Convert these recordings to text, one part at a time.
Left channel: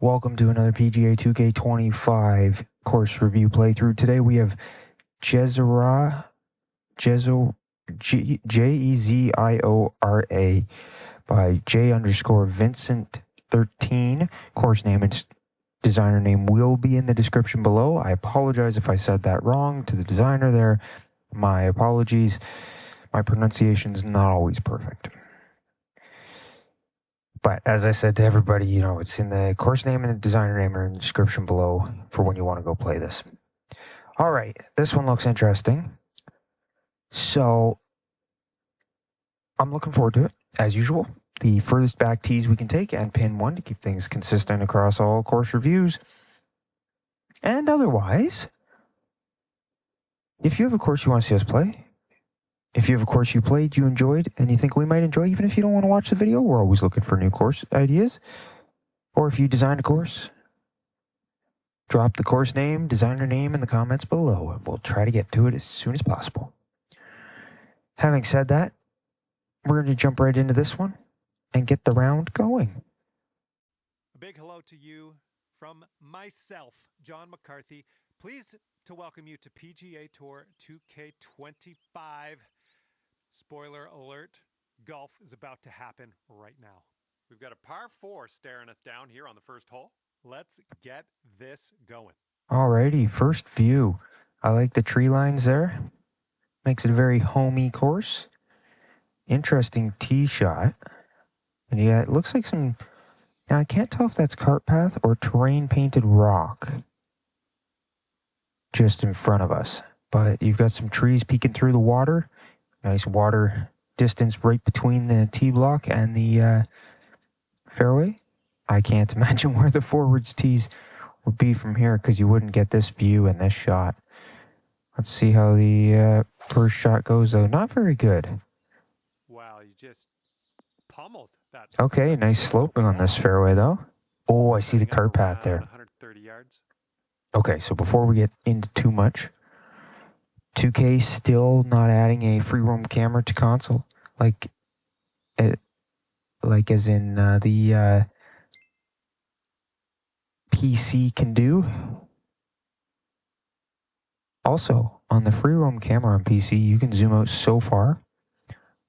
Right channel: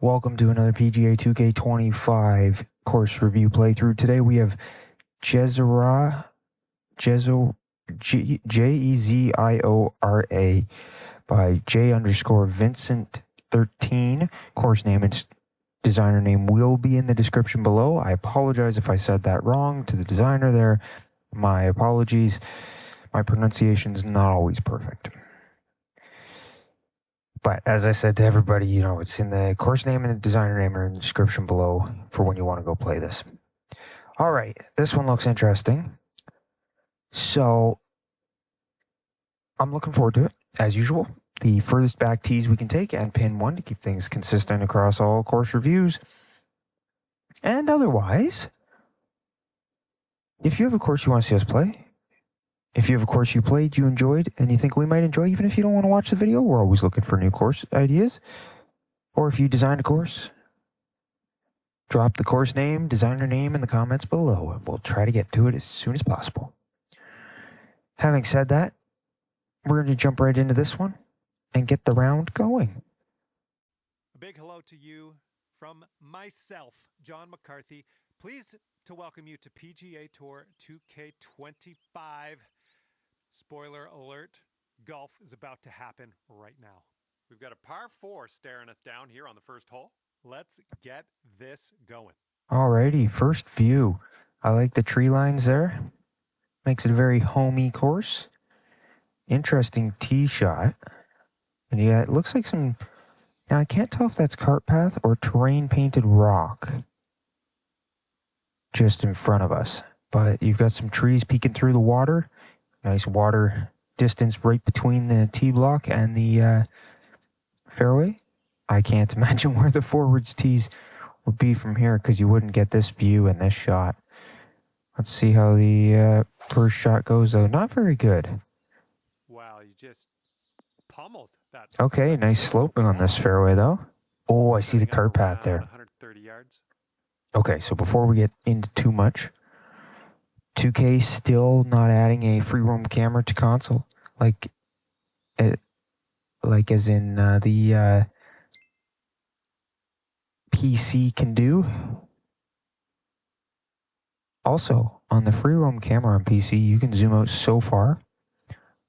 Welcome to another PGA 2K25 course review playthrough. Today we have Jeziora, Jeziora by J_Vincent13. Course name and designer name will be in the description below. I apologize if I said that wrong to the designer there. My apologies. My pronunciation is not always perfect. But as I said to everybody, it's in the course name and the designer name are in the description below for when you want to go play this. All right, this one looks interesting. So I'm looking forward to it, as usual. The furthest back tees we can take and pin one to keep things consistent across all course reviews. And otherwise, if you have a course you want to see us play, if you have a course you played, you enjoyed, and you think we might enjoy, even if you don't want to watch the video, we're always looking for new course ideas. Or if you designed a course, drop the course name, designer name in the comments below, and we'll try to get to it as soon as possible. Having said that, we're going to jump right into this one and get the round going. A big hello to you from myself, John McCarthy. Pleased to welcome you to PGA Tour 2K25. Spoiler alert, golf is about to happen right now. We've got a par 4 staring us down here on the first hole. Let's get this going. Alrighty, first view. I like the tree lines there. Makes it a very homey course. Interesting tee shot. And yeah, it looks like some... Now, I can't tell if that's cart path or terrain painted rock just in front of us. But you've got some trees peeking through the water. Nice water distance right between the tee block and the fairway. I can't imagine where the forwards tees would be from here because you wouldn't get this view and this shot. Let's see how the first shot goes, though. Not very good. Wow, you just pummeled that. Okay, nice sloping on this fairway, though. Oh, I see the cart path there. 130 yards. Okay, so before we get into too much, 2K still not adding a free roam camera to console, like as in the PC can do. Also, on the free roam camera on PC, you can zoom out so far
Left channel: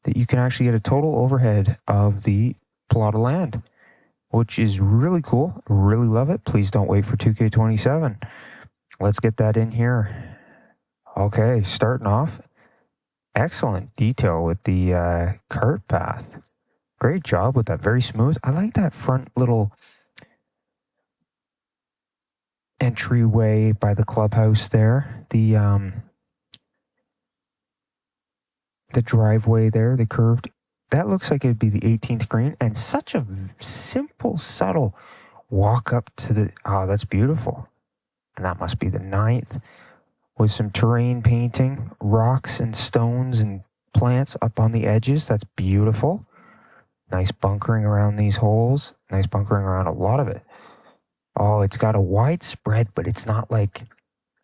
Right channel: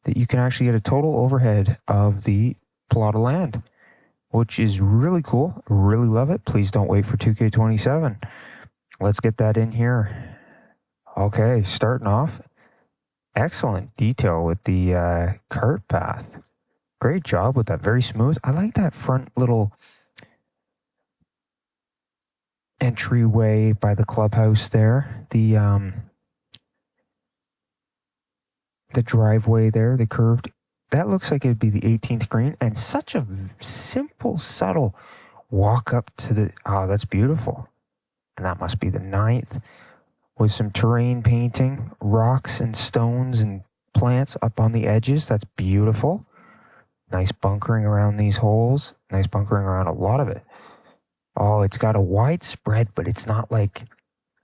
that you can actually get a total overhead of the plot of land, which is really cool. Really love it. Please don't wait for 2K27. Let's get that in here. Okay, starting off, excellent detail with the cart path. Great job with that, very smooth. I like that front little entryway by the clubhouse there. The driveway there, the curved. That looks like it'd be the 18th green, and such a simple, subtle walk up to the... Oh, that's beautiful. And that must be the 9th. With some terrain painting, rocks and stones and plants up on the edges. That's beautiful. Nice bunkering around these holes. Nice bunkering around a lot of it. Oh, it's got a wide spread, but it's not like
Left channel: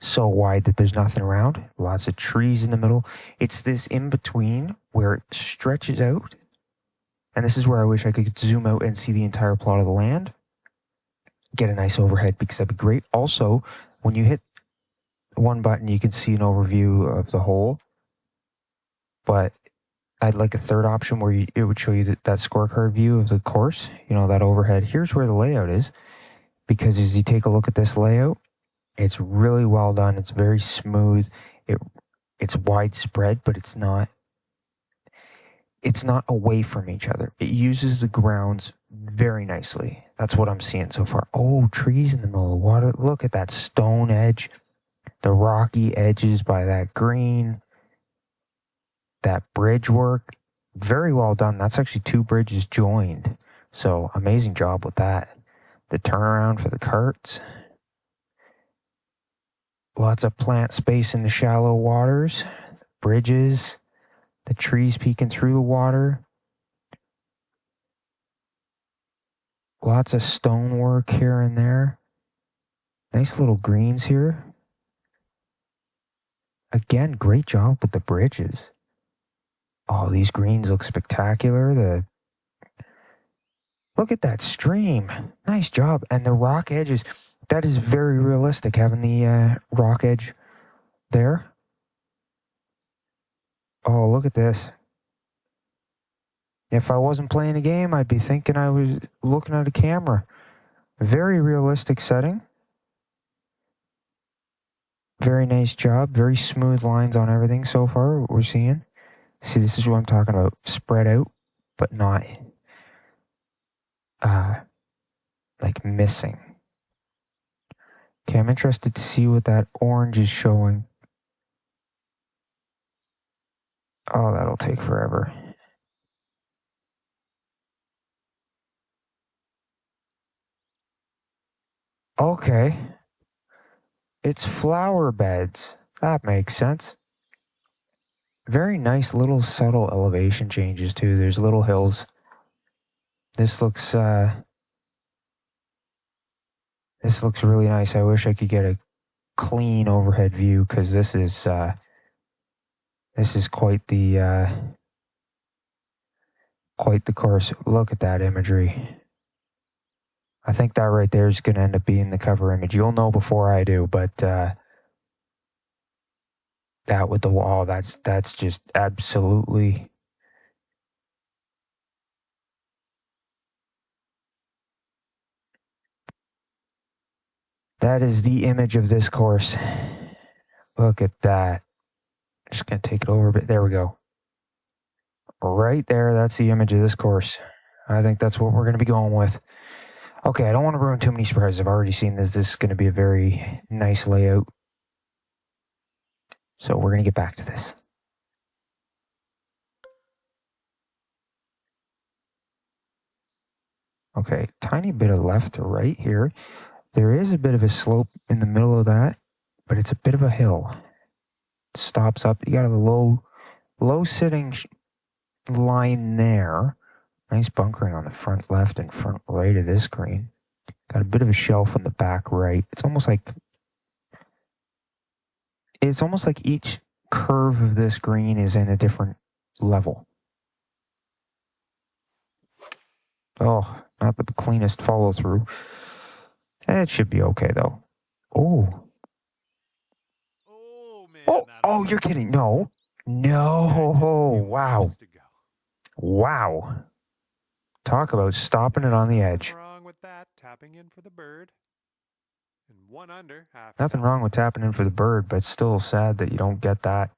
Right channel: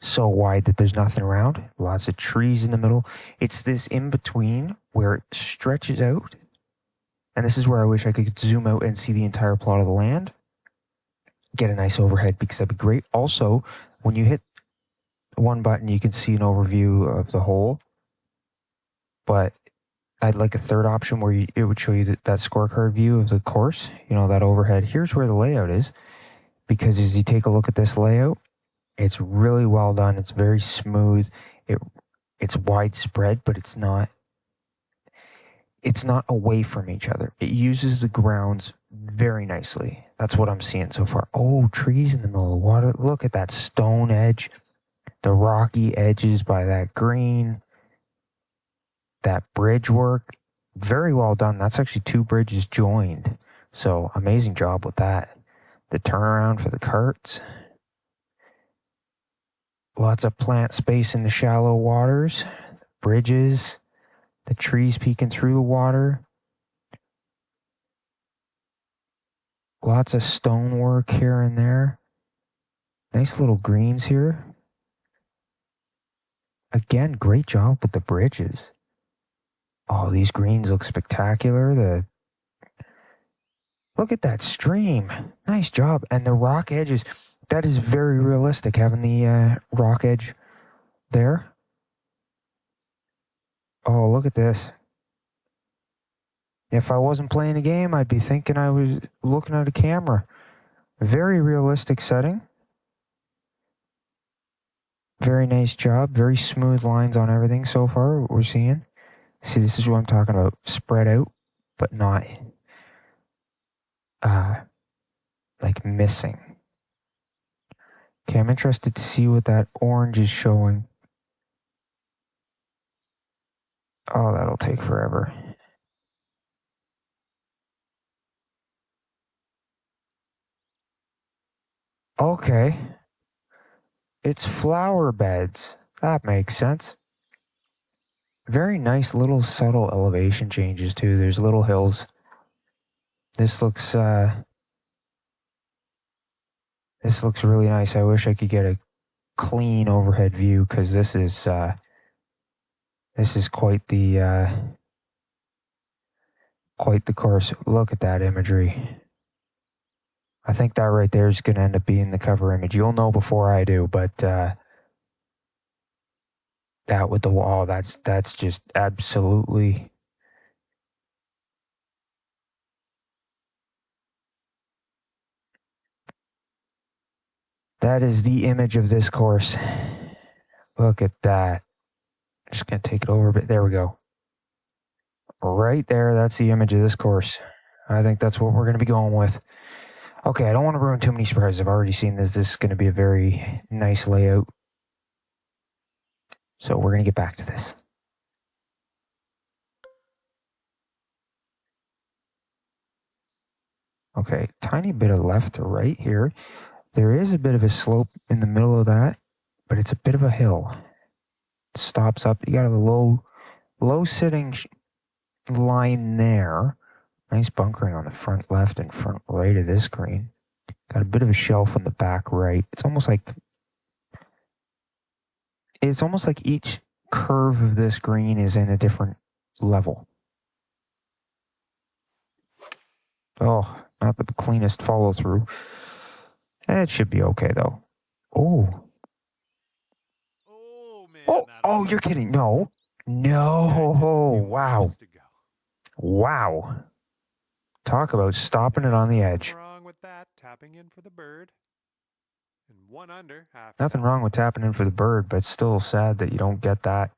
so wide that there's nothing around. Lots of trees in the middle. It's this in-between where it stretches out. And this is where I wish I could zoom out and see the entire plot of the land. Get a nice overhead because that'd be great. Also, when you hit one button, you can see an overview of the hole. But I'd like a third option where it would show you that scorecard view of the course. That overhead. Here's where the layout is. Because as you take a look at this layout, it's really well done. It's very smooth. It's widespread, but it's not away from each other. It uses the grounds very nicely. That's what I'm seeing so far. Oh, trees in the middle of the water. Look at that stone edge. The rocky edges by that green. That bridge work. Very well done. That's actually 2 bridges joined. So amazing job with that. The turnaround for the carts. Lots of plant space in the shallow waters. Bridges. The trees peeking through the water. Lots of stonework here and there. Nice little greens here. Again, great job with the bridges. Oh, these greens look spectacular. Look at that stream. Nice job. And the rock edges, that is very realistic, having the rock edge there. Oh, look at this. If I wasn't playing a game, I'd be thinking I was looking at a camera. Very realistic setting. Very nice job. Very smooth lines on everything so far, what we're seeing. See, this is what I'm talking about. Spread out, but not like missing. Okay, I'm interested to see what that orange is showing. Oh, that'll take forever. Okay. It's flower beds. That makes sense. Very nice little subtle elevation changes too. There's little hills. This looks really nice. I wish I could get a clean overhead view, because this is quite the course. Look at that imagery. I think that right there is going to end up being the cover image. You'll know before I do, but that with the wall, that's just absolutely. That is the image of this course. Look at that. Just going to take it over a bit. There we go. Right there, that's the image of this course. I think that's what we're going to be going with. Okay, I don't want to ruin too many surprises. I've already seen this. This is going to be a very nice layout. So we're going to get back to this. Okay, tiny bit of left to right here. There is a bit of a slope in the middle of that, but it's a bit of a hill. It stops up. You got a low sitting line there. Nice bunkering on the front left and front right of this green. Got a bit of a shelf on the back right. It's almost like each curve of this green is in a different level. Oh, not the cleanest follow through. It should be okay though. Oh. Oh man. Oh, you're kidding. No. Wow. Wow. Talk about stopping it on the edge. Nothing wrong with that. Tapping in for the bird. And one under. Nothing wrong with tapping in for the bird, but it's still sad that you don't get that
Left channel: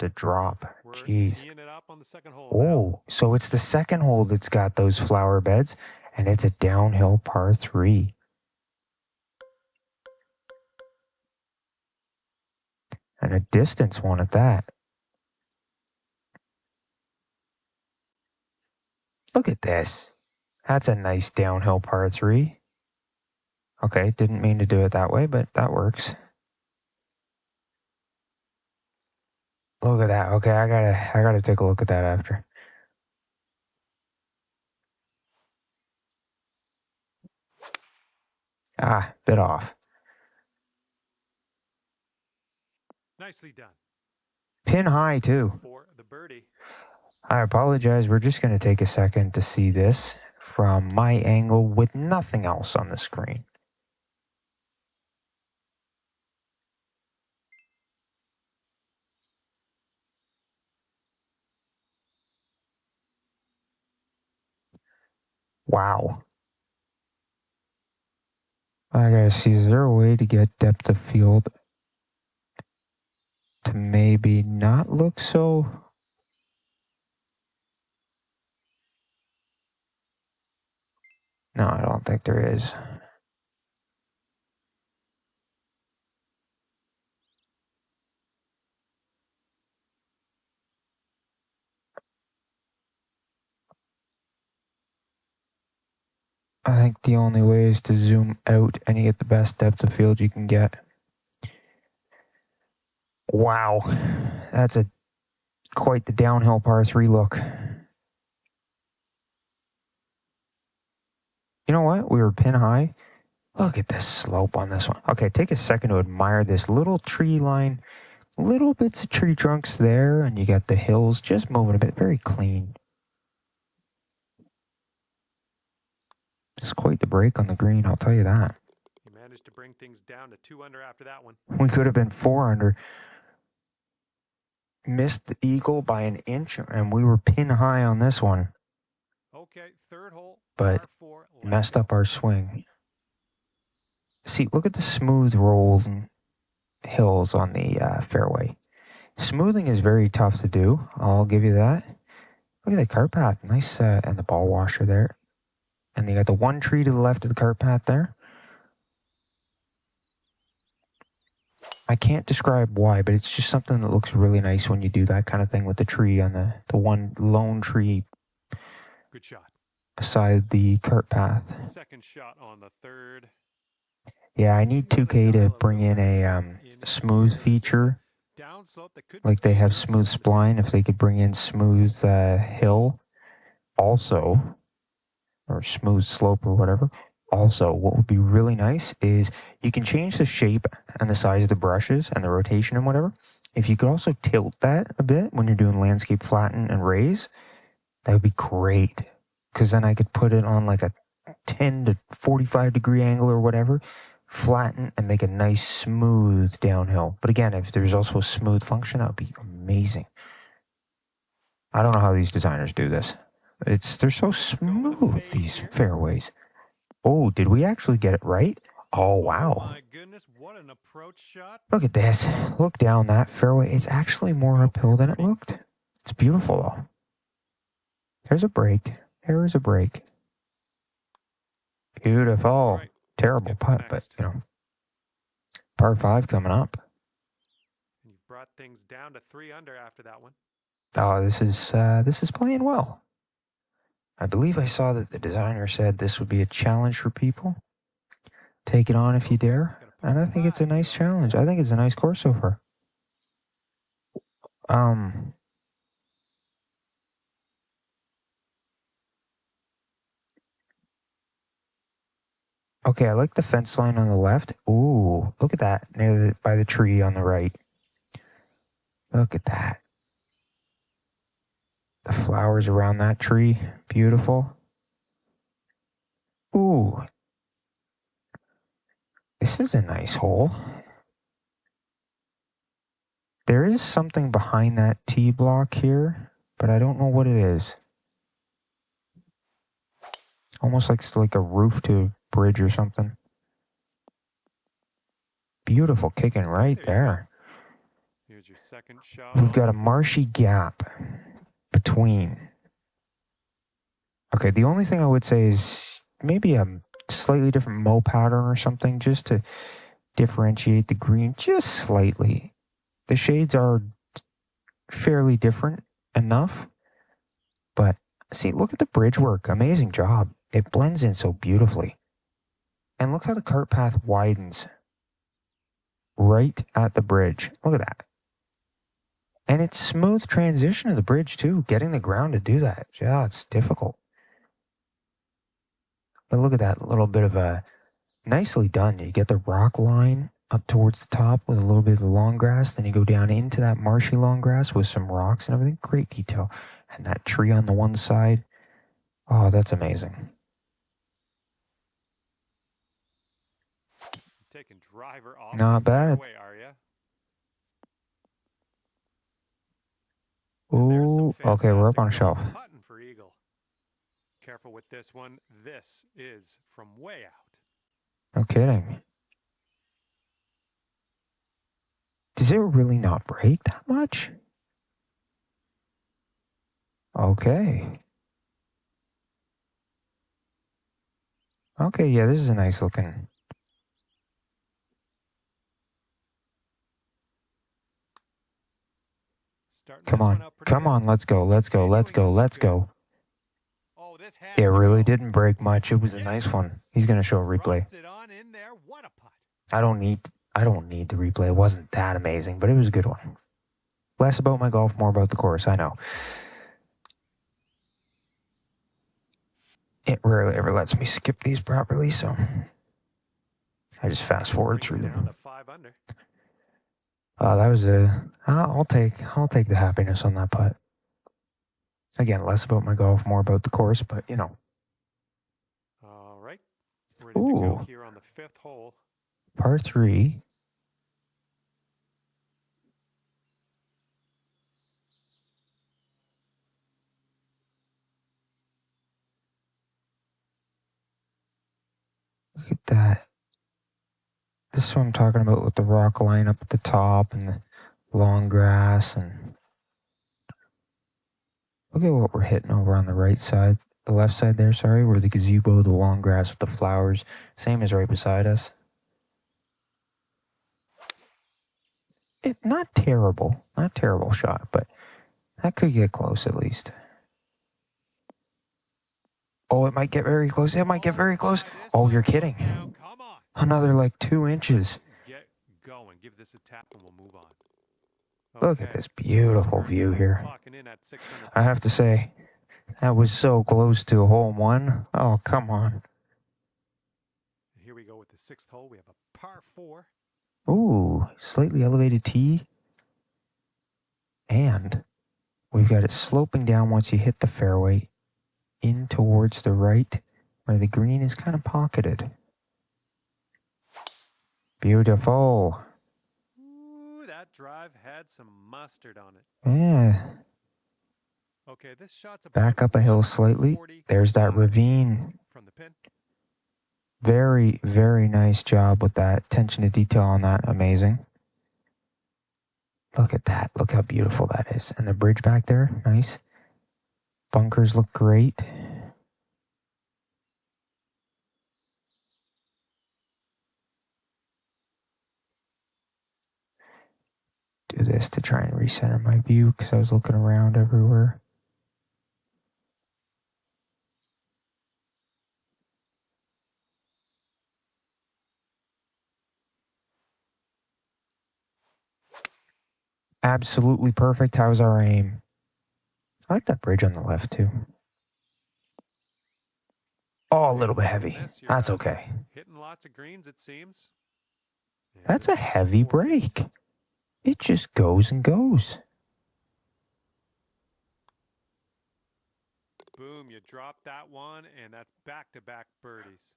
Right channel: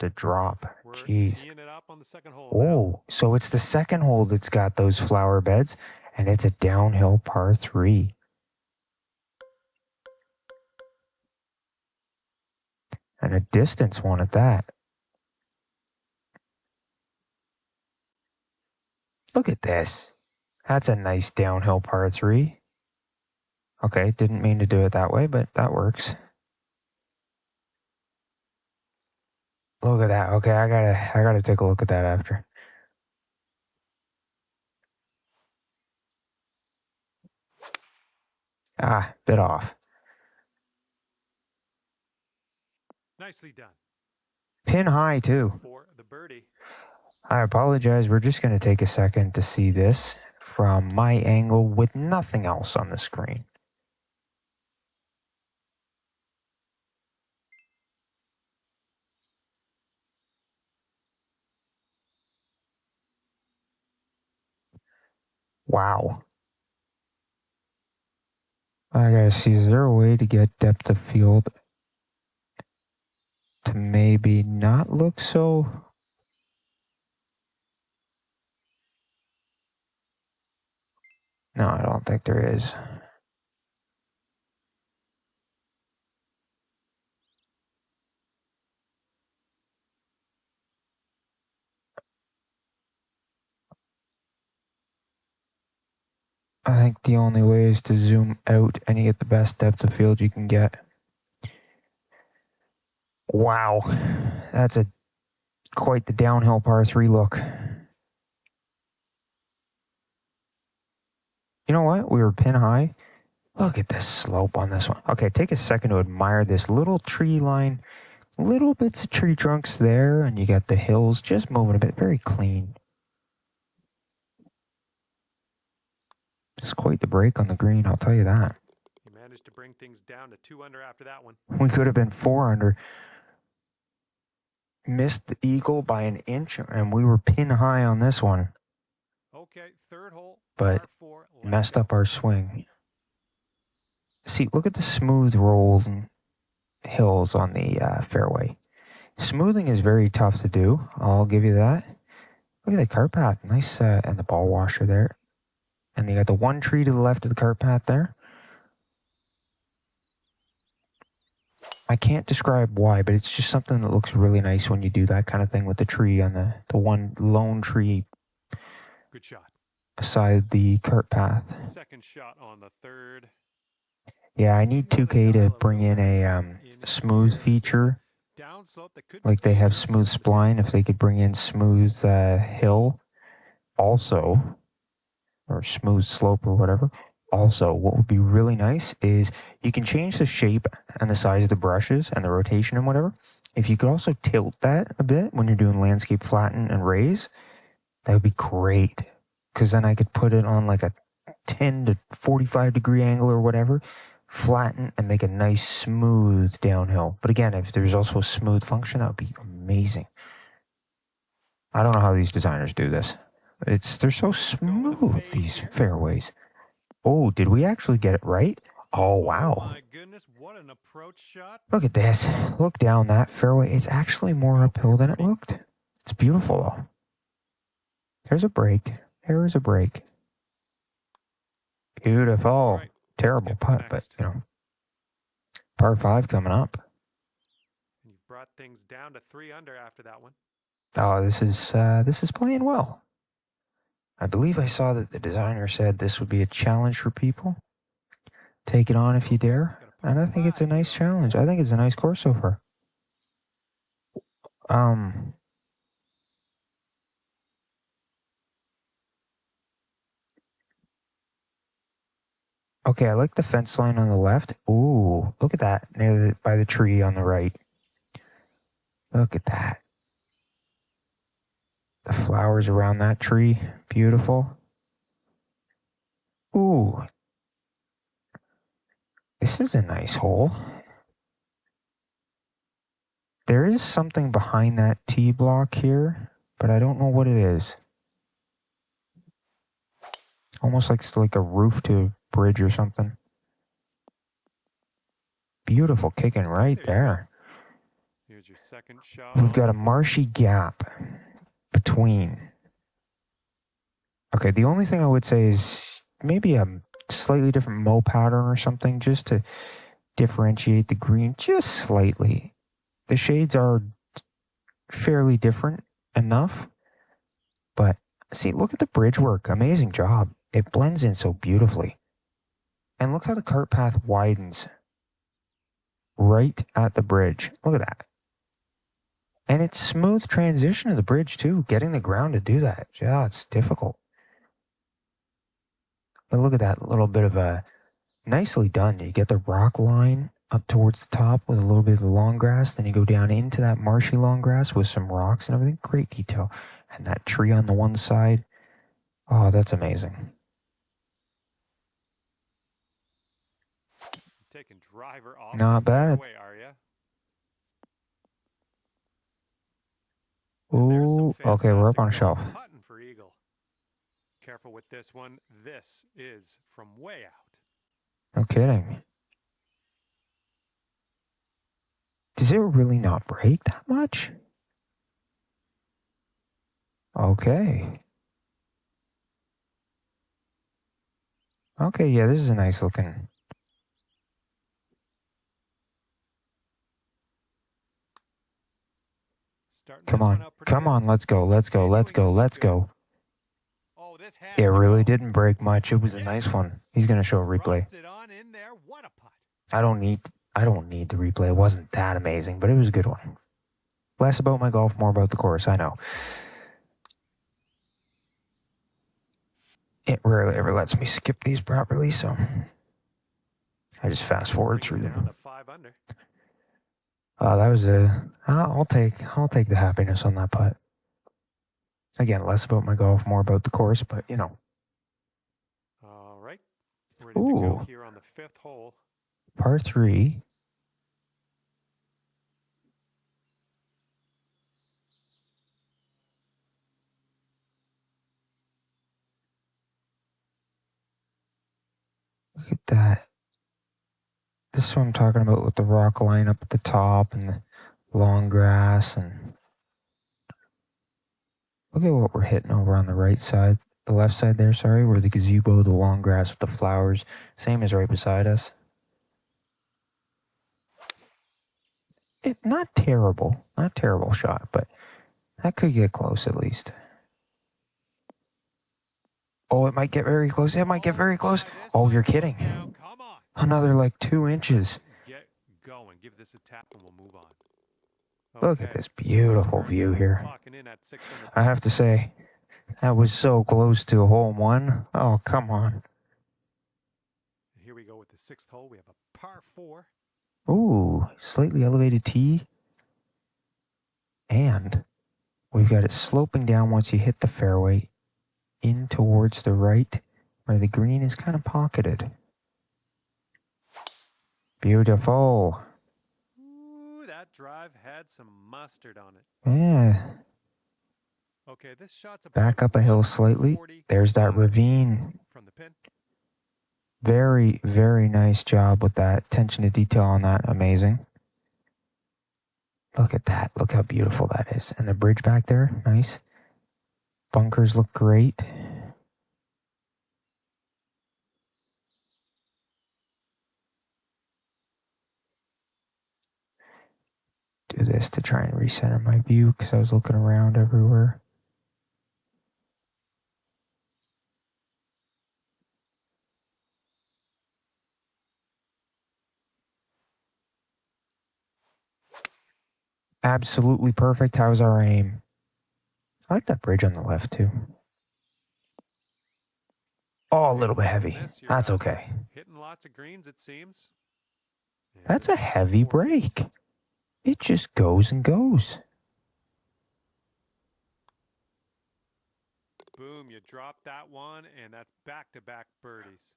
to drop. Jeez. Teeing it up on the second hole. Oh, so it's the second hole that's got those flower beds, and it's a downhill par 3. And a distance one at that. Look at this. That's a nice downhill par 3. Okay, didn't mean to do it that way, but that works. Look at that. Okay, I gotta take a look at that after. Bit off. Nicely done. Pin high too. For the birdie. I apologize. We're just going to take a second to see this from my angle with nothing else on the screen. Wow. I gotta see, is there a way to get depth of field to maybe not look so... No, I don't think there is. I think the only way is to zoom out and you get the best depth of field you can get. Wow, that's quite the downhill par 3 look. You know what? We were pin high. Look at this slope on this one. Okay, take a second to admire this little tree line. Little bits of tree trunks there, and you got the hills just moving a bit. Very clean. It's quite the break on the green, I'll tell you that. You managed to bring things down to 2 under after that one. We could have been 4 under. Missed the eagle by an inch, and we were pin high on this one. Okay, third hole, but par 4. messed up our swing. See, look at the smooth rolls and hills on the fairway. Smoothing is very tough to do. I'll give you that. Look at that cart path. Nice, and the ball washer there. And you got the one tree to the left of the cart path there. I can't describe why, but it's just something that looks really nice when you do that kind of thing with the tree on the one lone tree. Good shot. Aside the cart path. Second shot on the third. Yeah, I need 2K to bring in a smooth feature. Like they have smooth spline. If they could bring in smooth hill also, or smooth slope or whatever. Also, what would be really nice is you can change the shape and the size of the brushes and the rotation and whatever. If you could also tilt that a bit when you're doing landscape flatten and raise, that would be great. Because then I could put it on like a 10 to 45 degree angle or whatever, flatten and make a nice smooth downhill. But again, if there's also a smooth function, that would be amazing. I don't know how these designers do this. They're so smooth, these fairways. Oh, did we actually get it right? Oh, wow. Oh my goodness, what an approach shot. Look at this. Look down that fairway. It's actually more uphill than it looked. It's beautiful, though. There's a break. There's a break. Beautiful. Right. Terrible putt, but, you know. Par 5 coming up. You've brought things down to 3 under after that one. Oh, this is playing well. I believe I saw that the designer said this would be a challenge for people. Take it on if you dare. And I think it's a nice challenge. I think it's a nice course so far. Okay, I like the fence line on the left. Ooh, look at that, by the tree on the right. Look at that. The flowers around that tree, beautiful. Ooh. This is a nice hole. There is something behind that tee block here, but I don't know what it is. Almost like it's like a roof to a bridge or something. Beautiful kicking right there. Here's your second shot. We've got a marshy gap between. Okay, the only thing I would say is maybe a slightly different mow pattern or something just to differentiate the green just slightly. The shades are fairly different enough, but see, look at the bridge work. Amazing job. It blends in so beautifully. And look how the cart path widens right at the bridge. Look at that. And it's smooth transition to the bridge too, getting the ground to do that. Yeah, it's difficult. But look at that little bit of a nicely done. You get the rock line up towards the top with a little bit of the long grass. Then you go down into that marshy long grass with some rocks and everything. Great detail. And that tree on the one side. Oh, that's amazing. Taking driver off. Not bad. Away, are you? Ooh, okay, we're up on a shelf. Putting for eagle. Careful with this one. This is from way out. No kidding. Does it really not break that much? Okay. Okay, yeah, this is a nice looking. Come on, come on, let's go, let's go, let's go, let's go. Oh, this It really didn't break much. It was a nice one. He's gonna show a replay. I don't need the replay. It wasn't that amazing, but it was a good one. Less about my golf, more about the course. I know. It rarely ever lets me skip these properly, so I just fast forward through them. That was I'll take the happiness on that putt. Again, less about my golf, more about the course, but you know. All right, Ready to go Ooh, here on the 5th hole. par 3. Look at that. This is what I'm talking about with the rock line up at the top and the long grass. And look at what we're hitting over on the right side, the left side there, sorry, where the gazebo, the long grass with the flowers, same as right beside us. Not terrible shot, but that could get close at least. Oh, it might get very close. It might get very close. Oh, you're kidding. Come on. Another like 2 inches. Get going. Give this a tap and we'll move on. Look at this beautiful view here. Clocking in at 600. I have to say, that was so close to a hole 1. Oh, come on. Here we go with the 6th hole. We have a par 4. Ooh, slightly elevated tee. And we've got it sloping down once you hit the fairway in towards the right where the green is kind of pocketed. Beautiful. Ooh, that drive had some mustard on it. Yeah. Okay, this shot's back up a hill slightly. There's that ravine. From the pin. Very, very nice job with that. Attention to detail on that. Amazing. Look at that. Look how beautiful that is. And the bridge back there. Nice. Bunkers look great. Do this to try and recenter my view because I was looking around everywhere. Absolutely perfect. How's our aim? I like that bridge on the left too. Oh, a little bit heavy. That's okay. Hitting lots of greens, it seems. That's a heavy break. It just goes and goes. Boom, you dropped that one, and that's back-to-back birdies.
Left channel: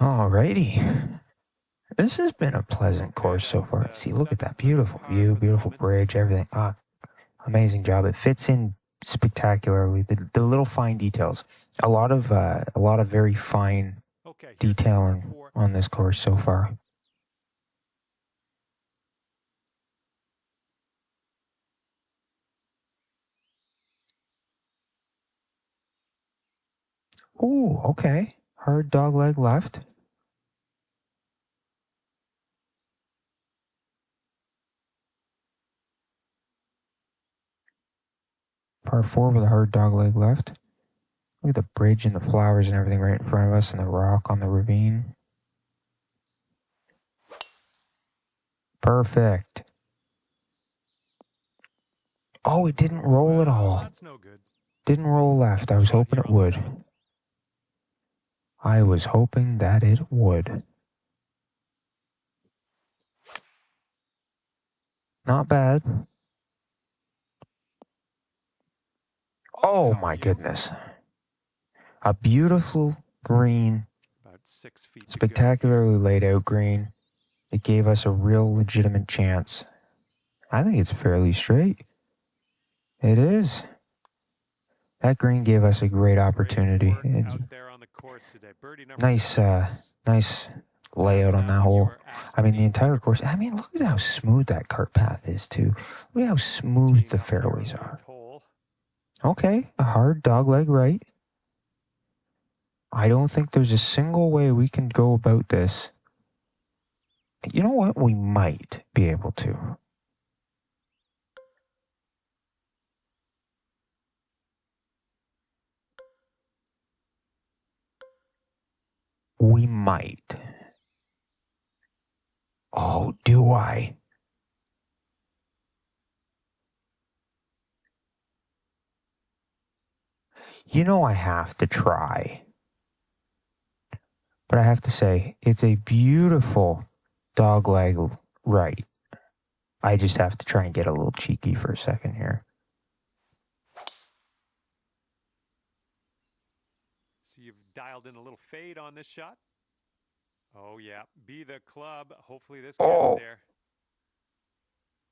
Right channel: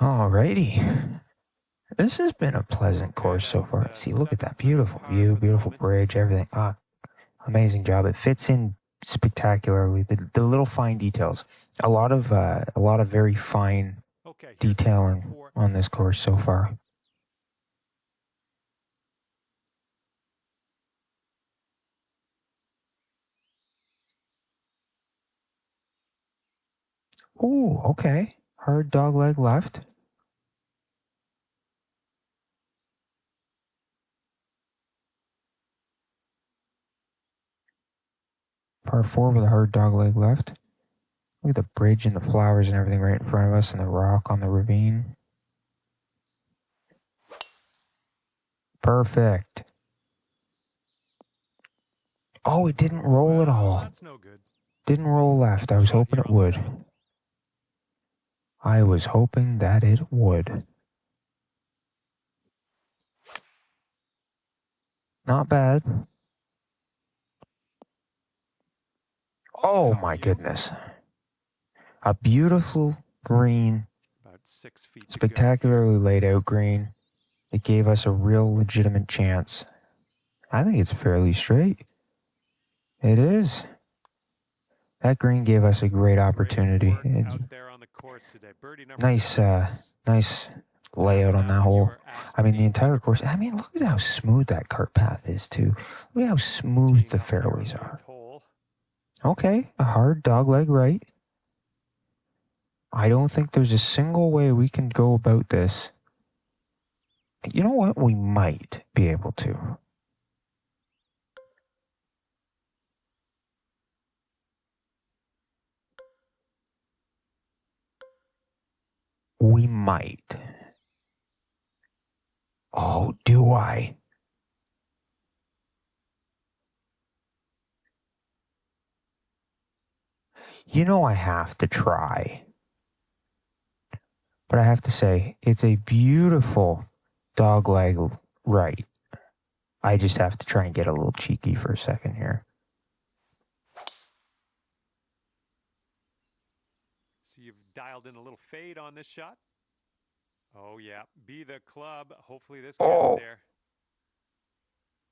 Alrighty. This has been a pleasant course so far. See, look at that beautiful view, beautiful bridge, everything. Amazing job. It fits in spectacularly. The little fine details. A lot of very fine detailing on this course so far. Ooh, okay. Hard dog leg left. Par 4 with a hard dog leg left. Look at the bridge and the flowers and everything right in front of us and the rock on the ravine. Perfect. Oh, it didn't roll at all. That's no good. Didn't roll left. I was hoping it would. I was hoping that it would. Not bad. Oh my goodness. A beautiful green, About 6 feet. spectacularly laid out green. It gave us a real legitimate chance. I think it's fairly straight. It is. That green gave us a great opportunity. Nice layout on that hole. I mean, the entire course. I mean, look at how smooth that cart path is, too. Look at how smooth the fairways are. Okay, a hard dogleg right. I don't think there's a single way we can go about this. You know what? We might be able to. We might. Oh, do I? You know I have to try. But I have to say, it's a beautiful dogleg right. I just have to try and get a little cheeky for a second here. So you've dialed in a little fade on this shot. Oh, yeah. Be the club. Hopefully this gets Oh, there.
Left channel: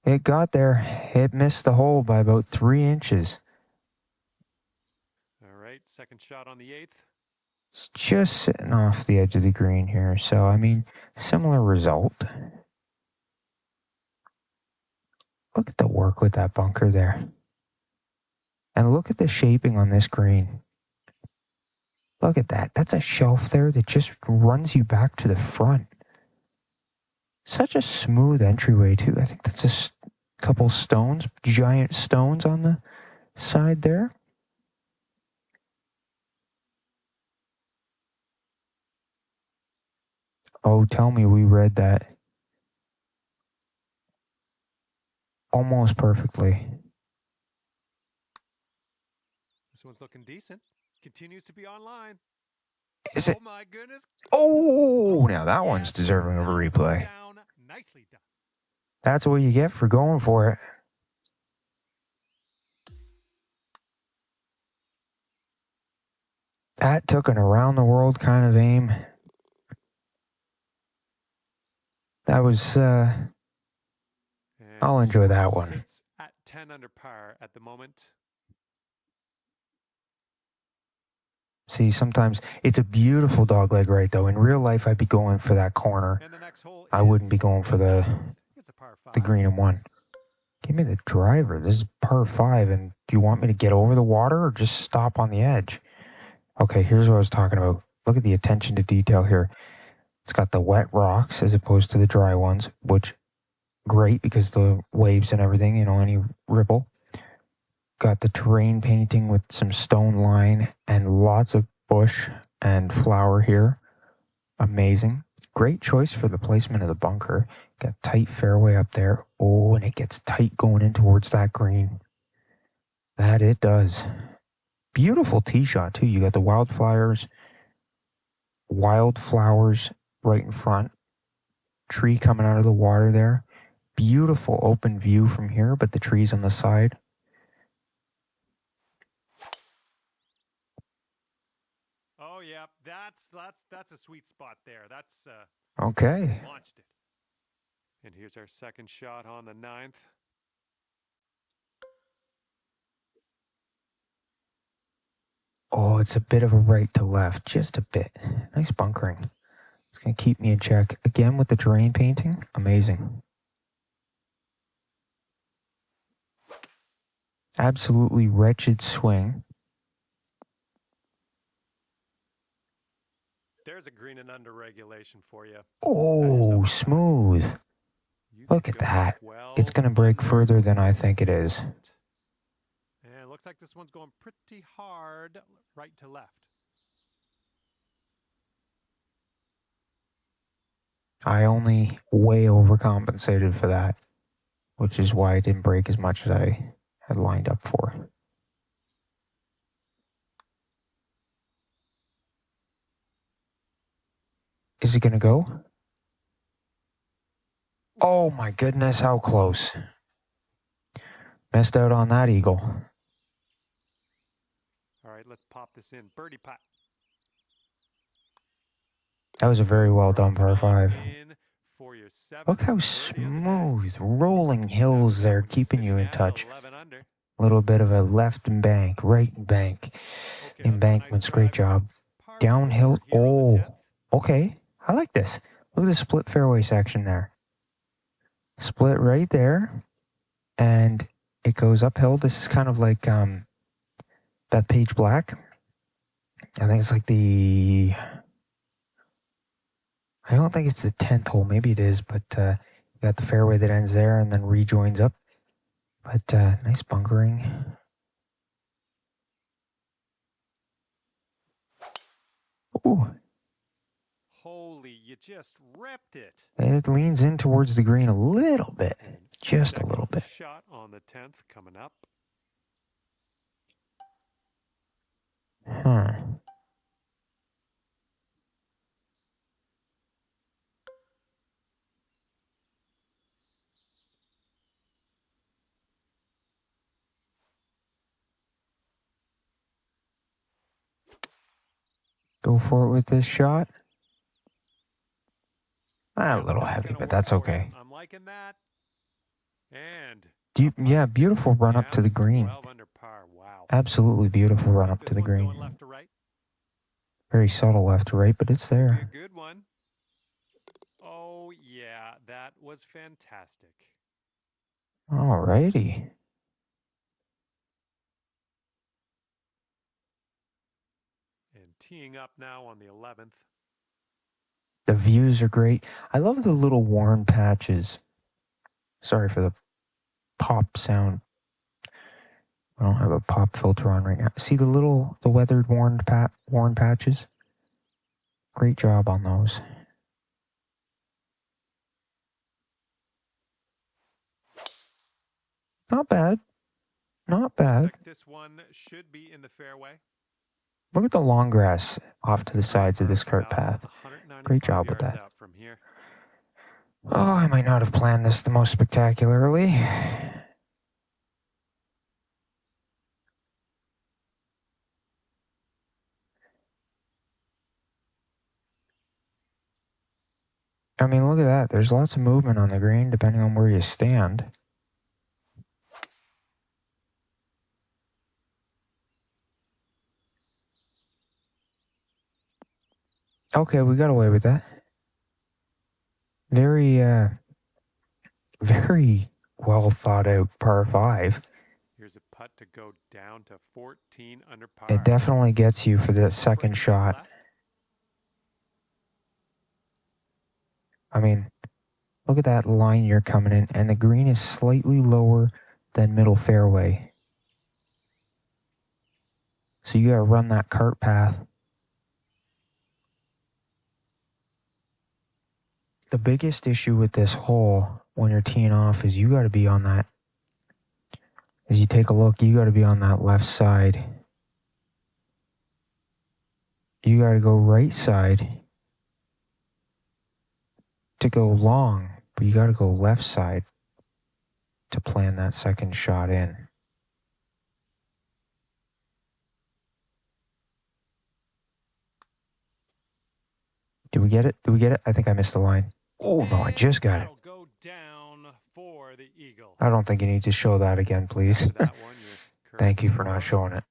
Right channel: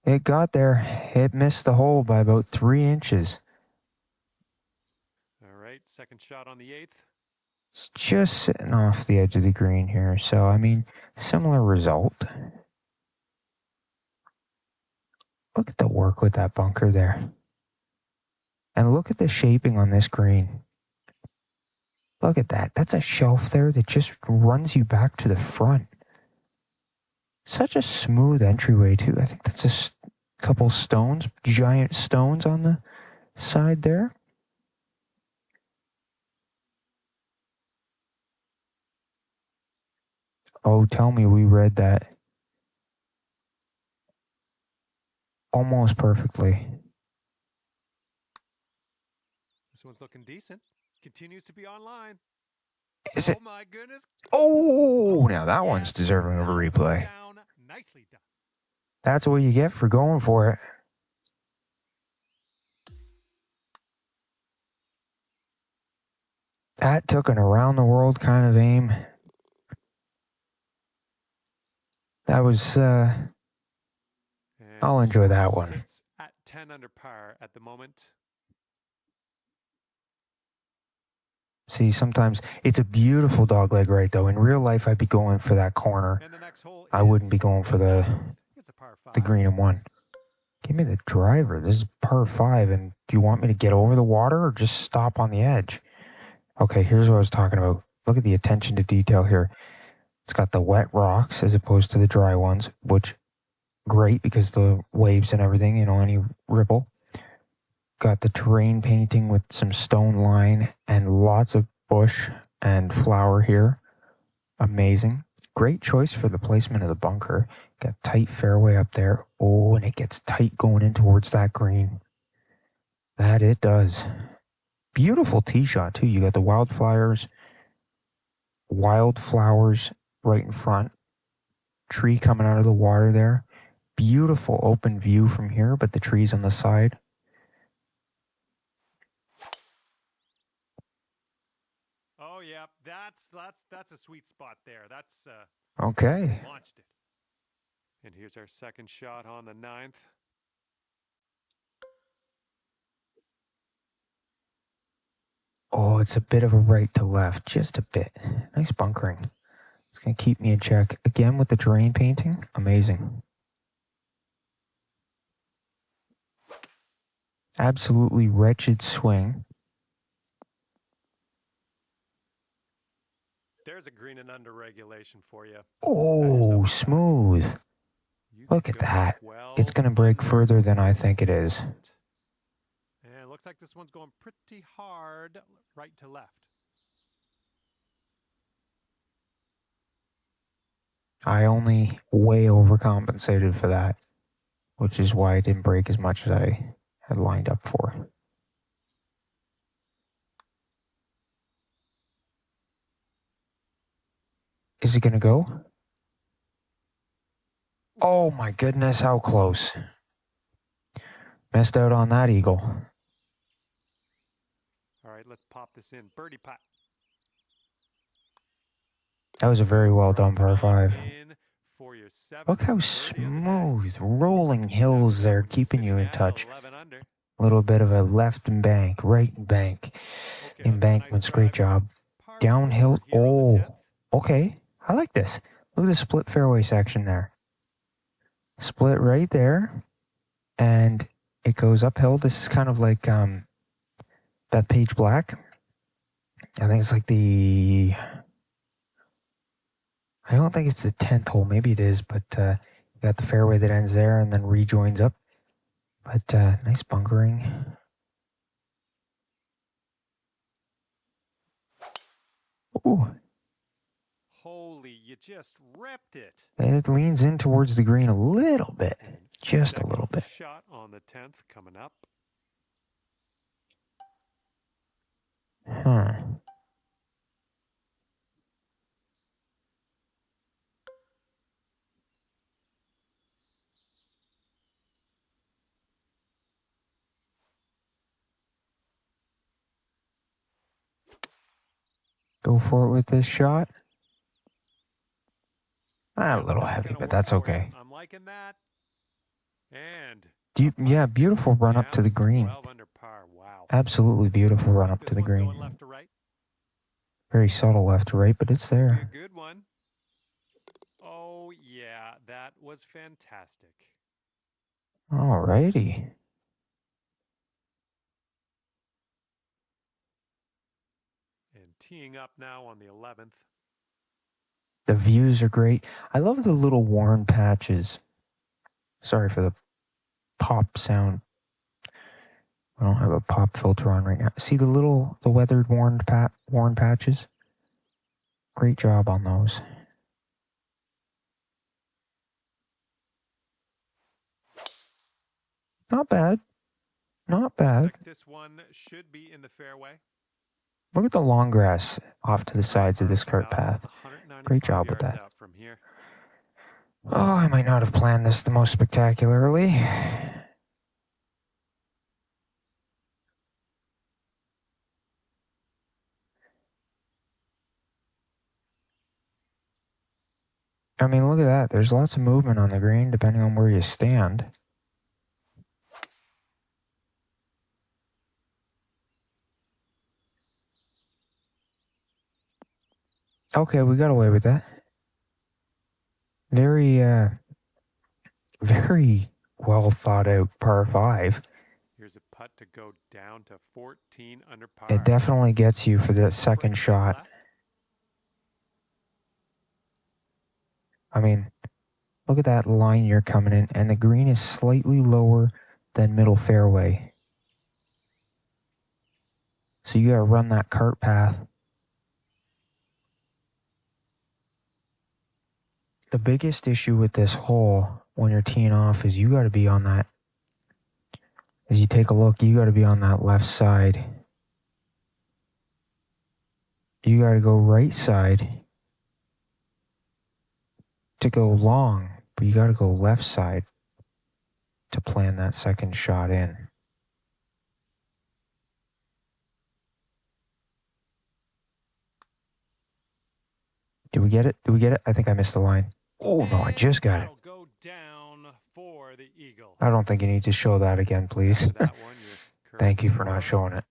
it got there. It missed the hole by about 3 inches. All right. Second shot on the 8th. It's just sitting off the edge of the green here. So, I mean, similar result. Look at the work with that bunker there. And look at the shaping on this green. Look at that. That's a shelf there that just runs you back to the front. Such a smooth entryway, too. I think that's a couple stones, giant stones on the side there. Oh, tell me we read that almost perfectly. This one's looking decent. Continues to be online. Is it? Oh, my goodness. Oh, now that one's yes. deserving of a That one replay. down. Nicely done. That's what you get for going for it. That took an around the world kind of aim. That was, And I'll enjoy score that one. Sits at 10 under par at the moment. See, sometimes it's a beautiful dogleg right, though. In real life, I'd be going for that corner. And the next hole I wouldn't be going for the it's a par 5. green and one. Give me the driver. This is par 5, and do you want me to get over the water or just stop on the edge? Okay, here's what I was talking about. Look at the attention to detail here. It's got the wet rocks as opposed to the dry ones, which great because the waves and everything, any ripple. Got the terrain painting with some stone line and lots of bush and flower here. Amazing. Great choice for the placement of the bunker. Got tight fairway up there. Oh, and it gets tight going in towards that green. That it does. Beautiful tee shot, too. You got the wildflowers right in front. Tree coming out of the water there. Beautiful open view from here, but the trees on the side. Oh yeah, that's a sweet spot there. That's Okay. launched it. And here's our second shot on the 9th. Oh, it's a bit of a right to left, just a bit. Nice bunkering. It's going to keep me in check. Again with the terrain painting. Amazing. Absolutely wretched swing. There's a green and under regulation for you. Oh, smooth. Look at that. It's going to break further than I think it is. And it looks like this one's going pretty hard right to left. I only way overcompensated for that, which is why it didn't break as much as I had lined up for. Is it going to go? Oh my goodness, how close. Missed out on that eagle. All right, let's pop this in. Birdie putt. That was a very well done par 5. Look how smooth, rolling hills there, keeping you in touch. A little bit of a left bank, right bank, embankments, great job. Downhill, oh, okay, I like this. Look at the split fairway section there. Split right there, and it goes uphill. This is kind of like that Page Black. I think it's like I don't think it's the 10th hole. Maybe it is, but you got the fairway that ends there and then rejoins up. But nice bunkering. Ooh. Holy, you just ripped it. It leans in towards the green a little bit. Just a little bit. Shot on the 10th coming up. Huh. Go for it with this shot. A little That's heavy, gonna but work that's for okay. him. I'm liking that. And Yeah, beautiful run up to the green. 12 under par. Wow. Absolutely beautiful run up to the This one's green. going left to right. Very subtle left to right, but it's Be a there. good one. Oh, yeah, that was fantastic. Alrighty. And teeing up now on the 11th. The views are great. I love the little worn patches. Sorry for the pop sound. I don't have a pop filter on right now. See the weathered worn patches? Great job on those. Not bad. Not bad. Looks like this one should be in the fairway. Look at the long grass off to the sides of this cart path. Great job with that. Out from here. Oh, I might not have planned this the most spectacularly. I mean, look at that. There's lots of movement on the green depending on where you stand. Okay, we got away with that. Very well thought out par 5. Here's a putt to go down to 14 under par. It definitely gets you for the second shot. I mean, look at that line you're coming in, and the green is slightly lower than middle fairway. So you got to run that cart path. The biggest issue with this hole when you're teeing off is you got to be on that. As you take a look, you got to be on that left side. You got to go right side to go long, but you got to go left side to plan that second shot in. Did we get it? Did we get it? I think I missed the line. Oh, no, I just got it. Go down for the eagle. I don't think you need to show that again, please. Thank you for not showing it.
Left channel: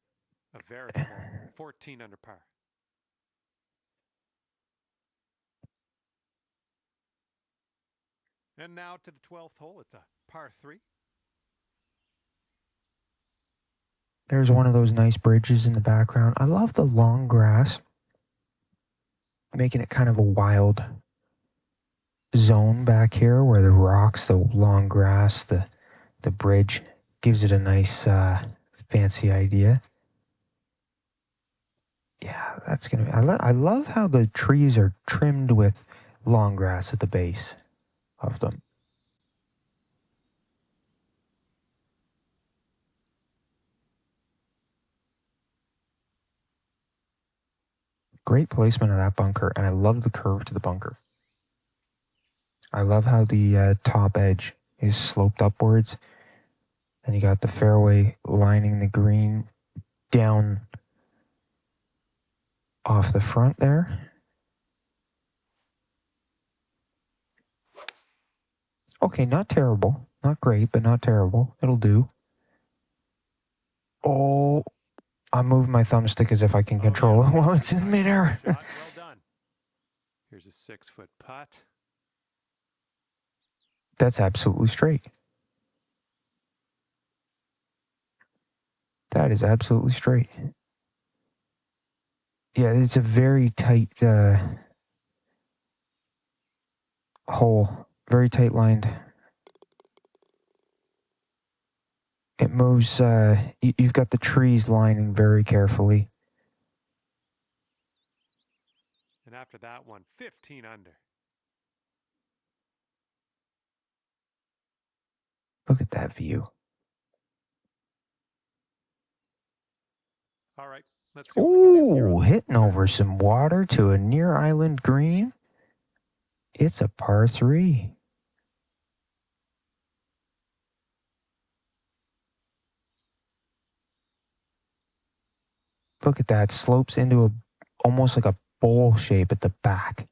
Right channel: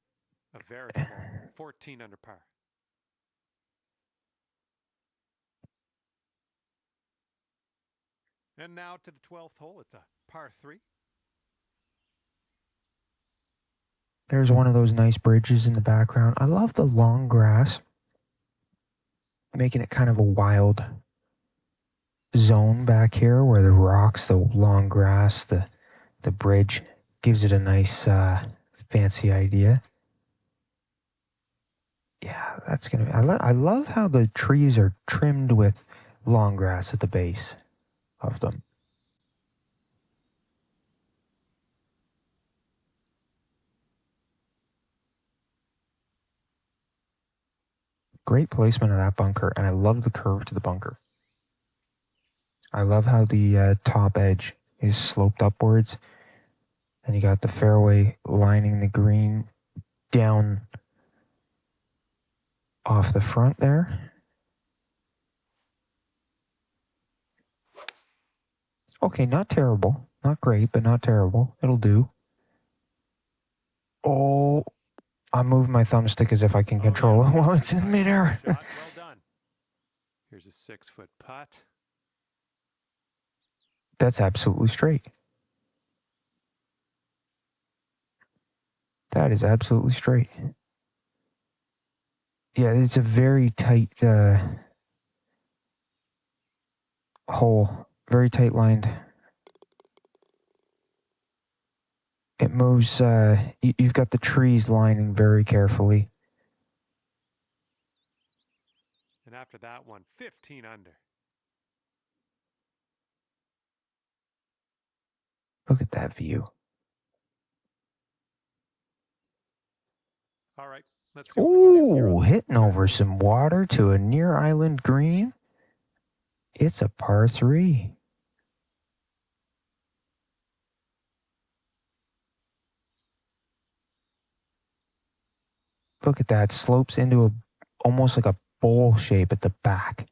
A veritable 14 under par. And now to the 12th hole. It's a par 3. There's one of those nice bridges in the background. I love the long grass, making it kind of a wild zone back here where the rocks, the long grass, the bridge gives it a nice fancy idea. Yeah, that's gonna be. I love how the trees are trimmed with long grass at the base of them. Great placement of that bunker, and I love the curve to the bunker. I love how the top edge is sloped upwards, and you got the fairway lining the green down off the front there. Okay, not terrible. Not great, but not terrible. It'll do. Oh, I'm moving my thumbstick as if I can control it while it's in midair. Well done. Here's a 6-foot putt. That's absolutely straight. That is absolutely straight. Yeah, it's a very tight hole. Very tight lined. It moves, you've got the trees lining very carefully. And after that one, 15 under. Look at that view. All right, let's see what we can do here. Oh, hitting over some water to a near island green. It's a par 3. Look at that. Slopes into a almost like a bowl shape at the back.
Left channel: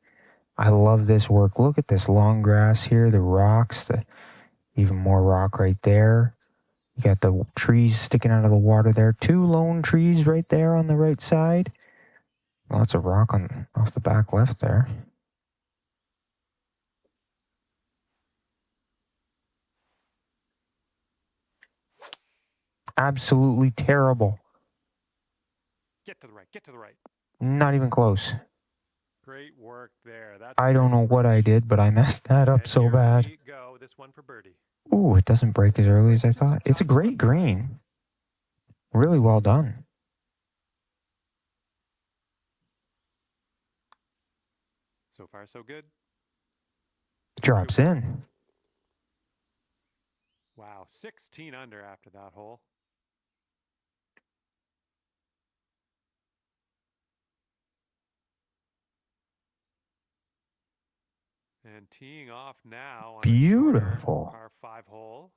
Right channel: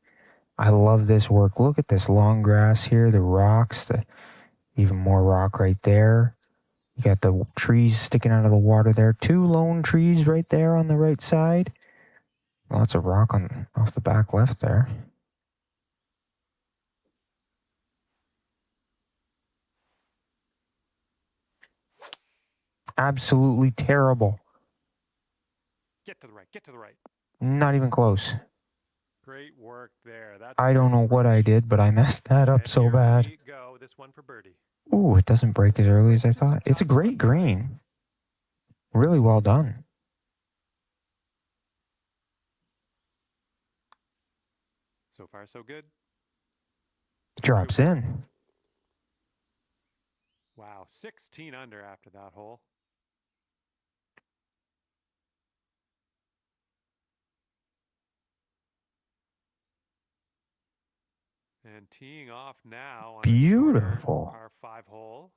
I love this work. Look at this long grass here, the rocks, even more rock right there. You got the trees sticking out of the water there. 2 lone trees right there on the right side. Lots of rock off the back left there. Absolutely terrible. Get to the right. Get to the right. Not even close. Great work there. That's I don't know what I did, but I messed that up and so here bad. we go. This one for birdie. Ooh, it doesn't break as early as I thought. It's a great green. Really well done. So far, so good. Drops in. Wow, 16 under after that hole. And teeing off now on Beautiful. a shorter par 5 hole.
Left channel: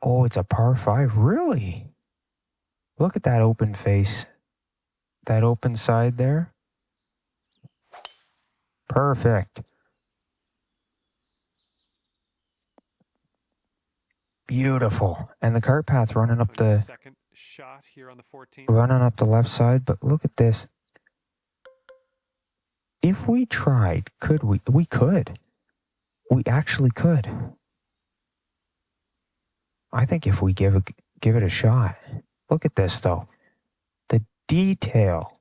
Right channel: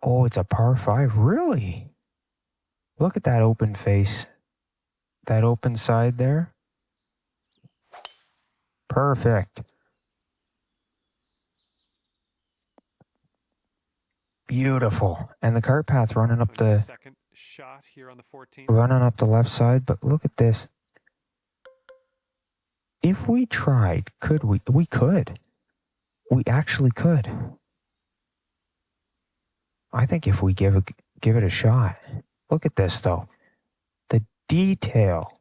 Oh, it's a par 5. Really? Look at that open face. That open side there. Perfect. Beautiful. And the cart path running up the second shot here on the 14th. Running up the left side, but look at this. If we tried, could we? We could. We actually could. I think if we give it a shot. Look at this though. The detail.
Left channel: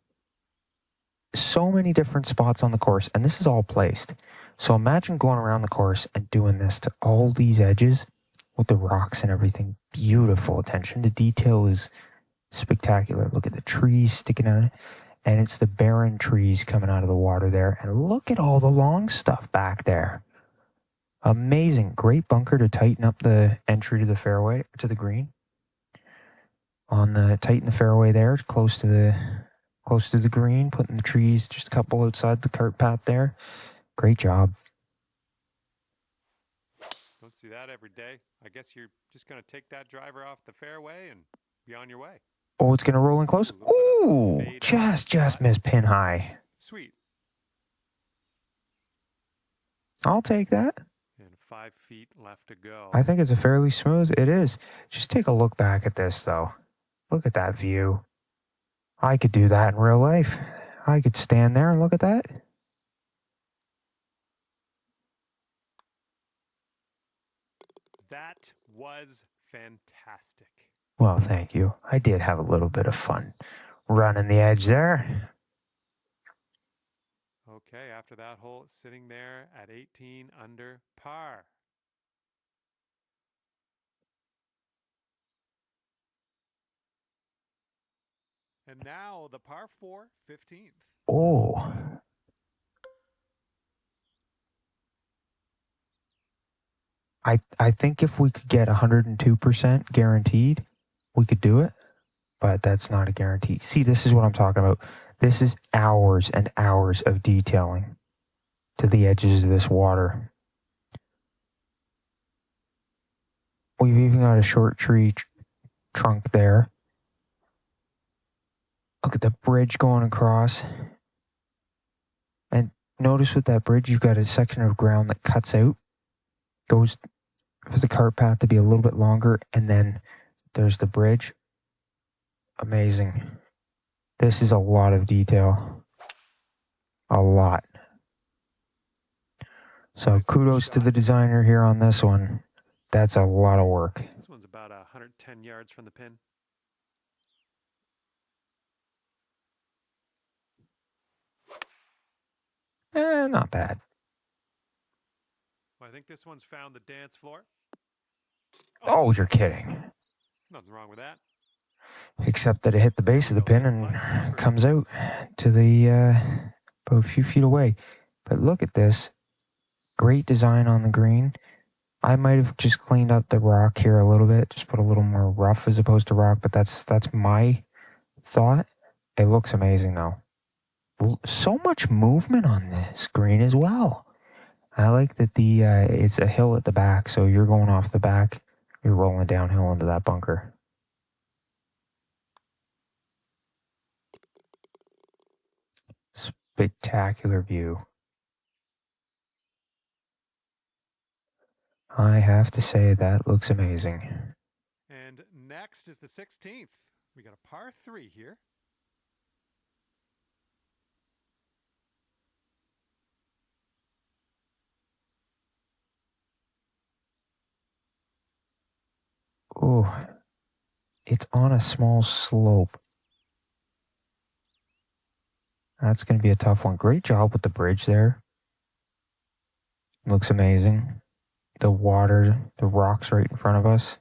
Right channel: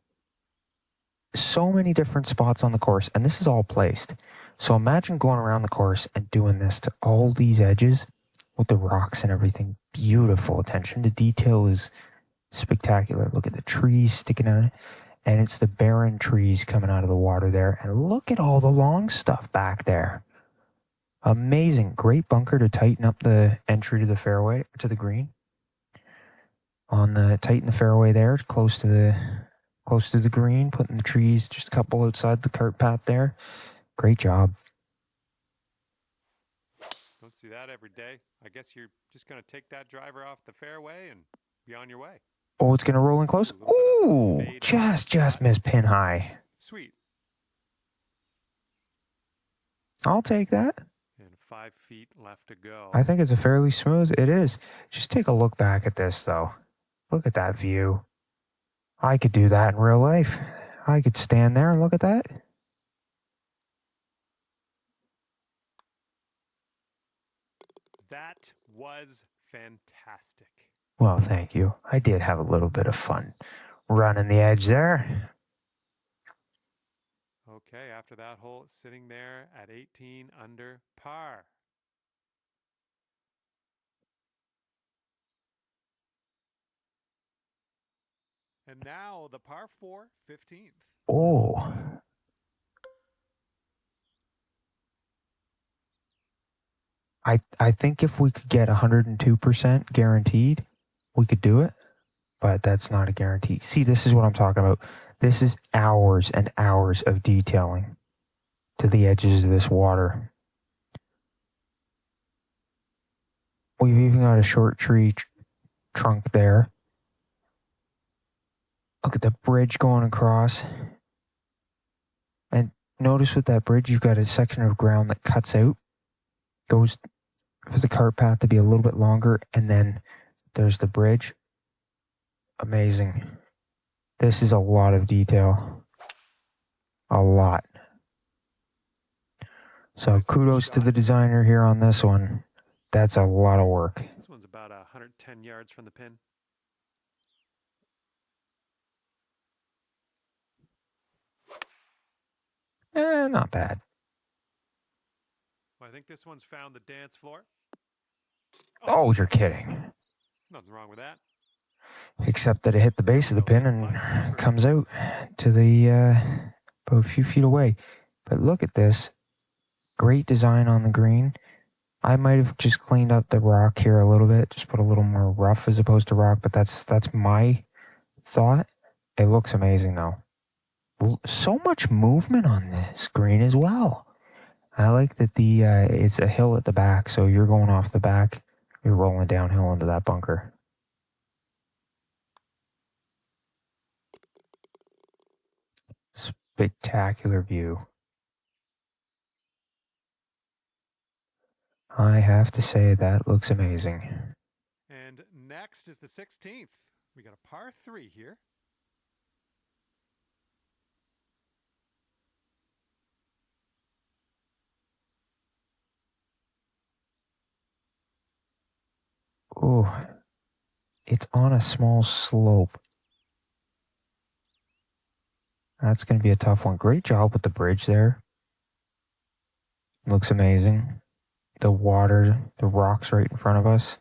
So many different spots on the course, and this is all placed. So imagine going around the course and doing this to all these edges with the rocks and everything. Beautiful. Attention to detail is spectacular. Look at the trees sticking out, and it's the barren trees coming out of the water there. And look at all the long stuff back there. Amazing. Great bunker to tighten up the entry to the fairway, to the green. Tighten the fairway there, close to the green, putting the trees just a couple outside the cart path there. Great job. Don't see that every day. I guess you're just going to take that driver off the fairway and be on your way. Oh, it's going to roll in close. Ooh, just missed pin high. Sweet. I'll take that. And 5 feet left to go. I think it's a fairly smooth. It is. Just take a look back at this, though. Look at that view. I could do that in real life. I could stand there and look at that. That was fantastic. Well, thank you. I did have a little bit of fun running the edge there. Okay, after that hole, it's sitting there at 18 under par. And now the par 4, 15th. Oh. I think if we could get 102% guaranteed, we could do it, but that's not a guarantee. See, this is what I'm talking about. This is hours and hours of detailing to the edges of this water. We've even got a short tree trunk there. Look at the bridge going across. And notice with that bridge, you've got a section of ground that cuts out. Goes for the cart path to be a little bit longer, and then there's the bridge. Amazing. This is a lot of detail. A lot. So kudos to the designer here on this one. That's a lot of work. This one's about 110 yards from the pin. Not bad. Well, I think this one's found the dance floor. Oh, you're kidding. Nothing wrong with that. Except that it hit the base of the pin and comes out to the about a few feet away. But look at this. Great design on the green. I might have just cleaned up the rock here a little bit, just put a little more rough as opposed to rock, but that's my thought. It looks amazing though. So much movement on this green as well. I like that it's a hill at the back, so you're going off the back, you're rolling downhill into that bunker. spectacular view. I have to say that looks amazing. And next is the 16th. We got a par 3 here. Oh, it's on a small slope. That's going to be a tough one. Great job with the bridge there. Looks amazing. The water, the rocks right in front of us.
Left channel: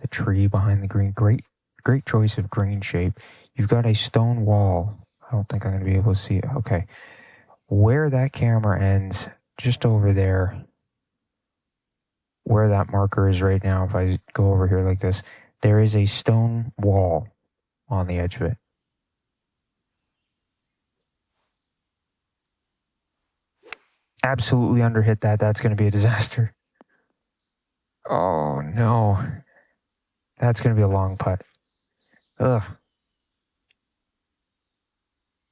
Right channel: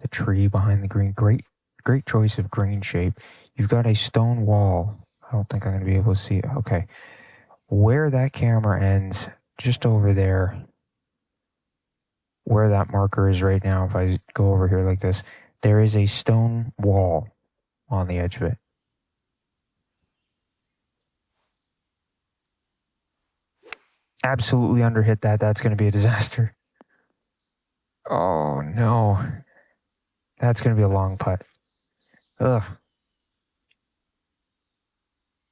The tree behind the green. Great choice of green shape. You've got a stone wall. I don't think I'm going to be able to see it. Okay. Where that camera ends, just over there, where that marker is right now, if I go over here like this, there is a stone wall on the edge of it. Absolutely underhit that. That's going to be a disaster. Oh, no. That's going to be a long putt. Ugh.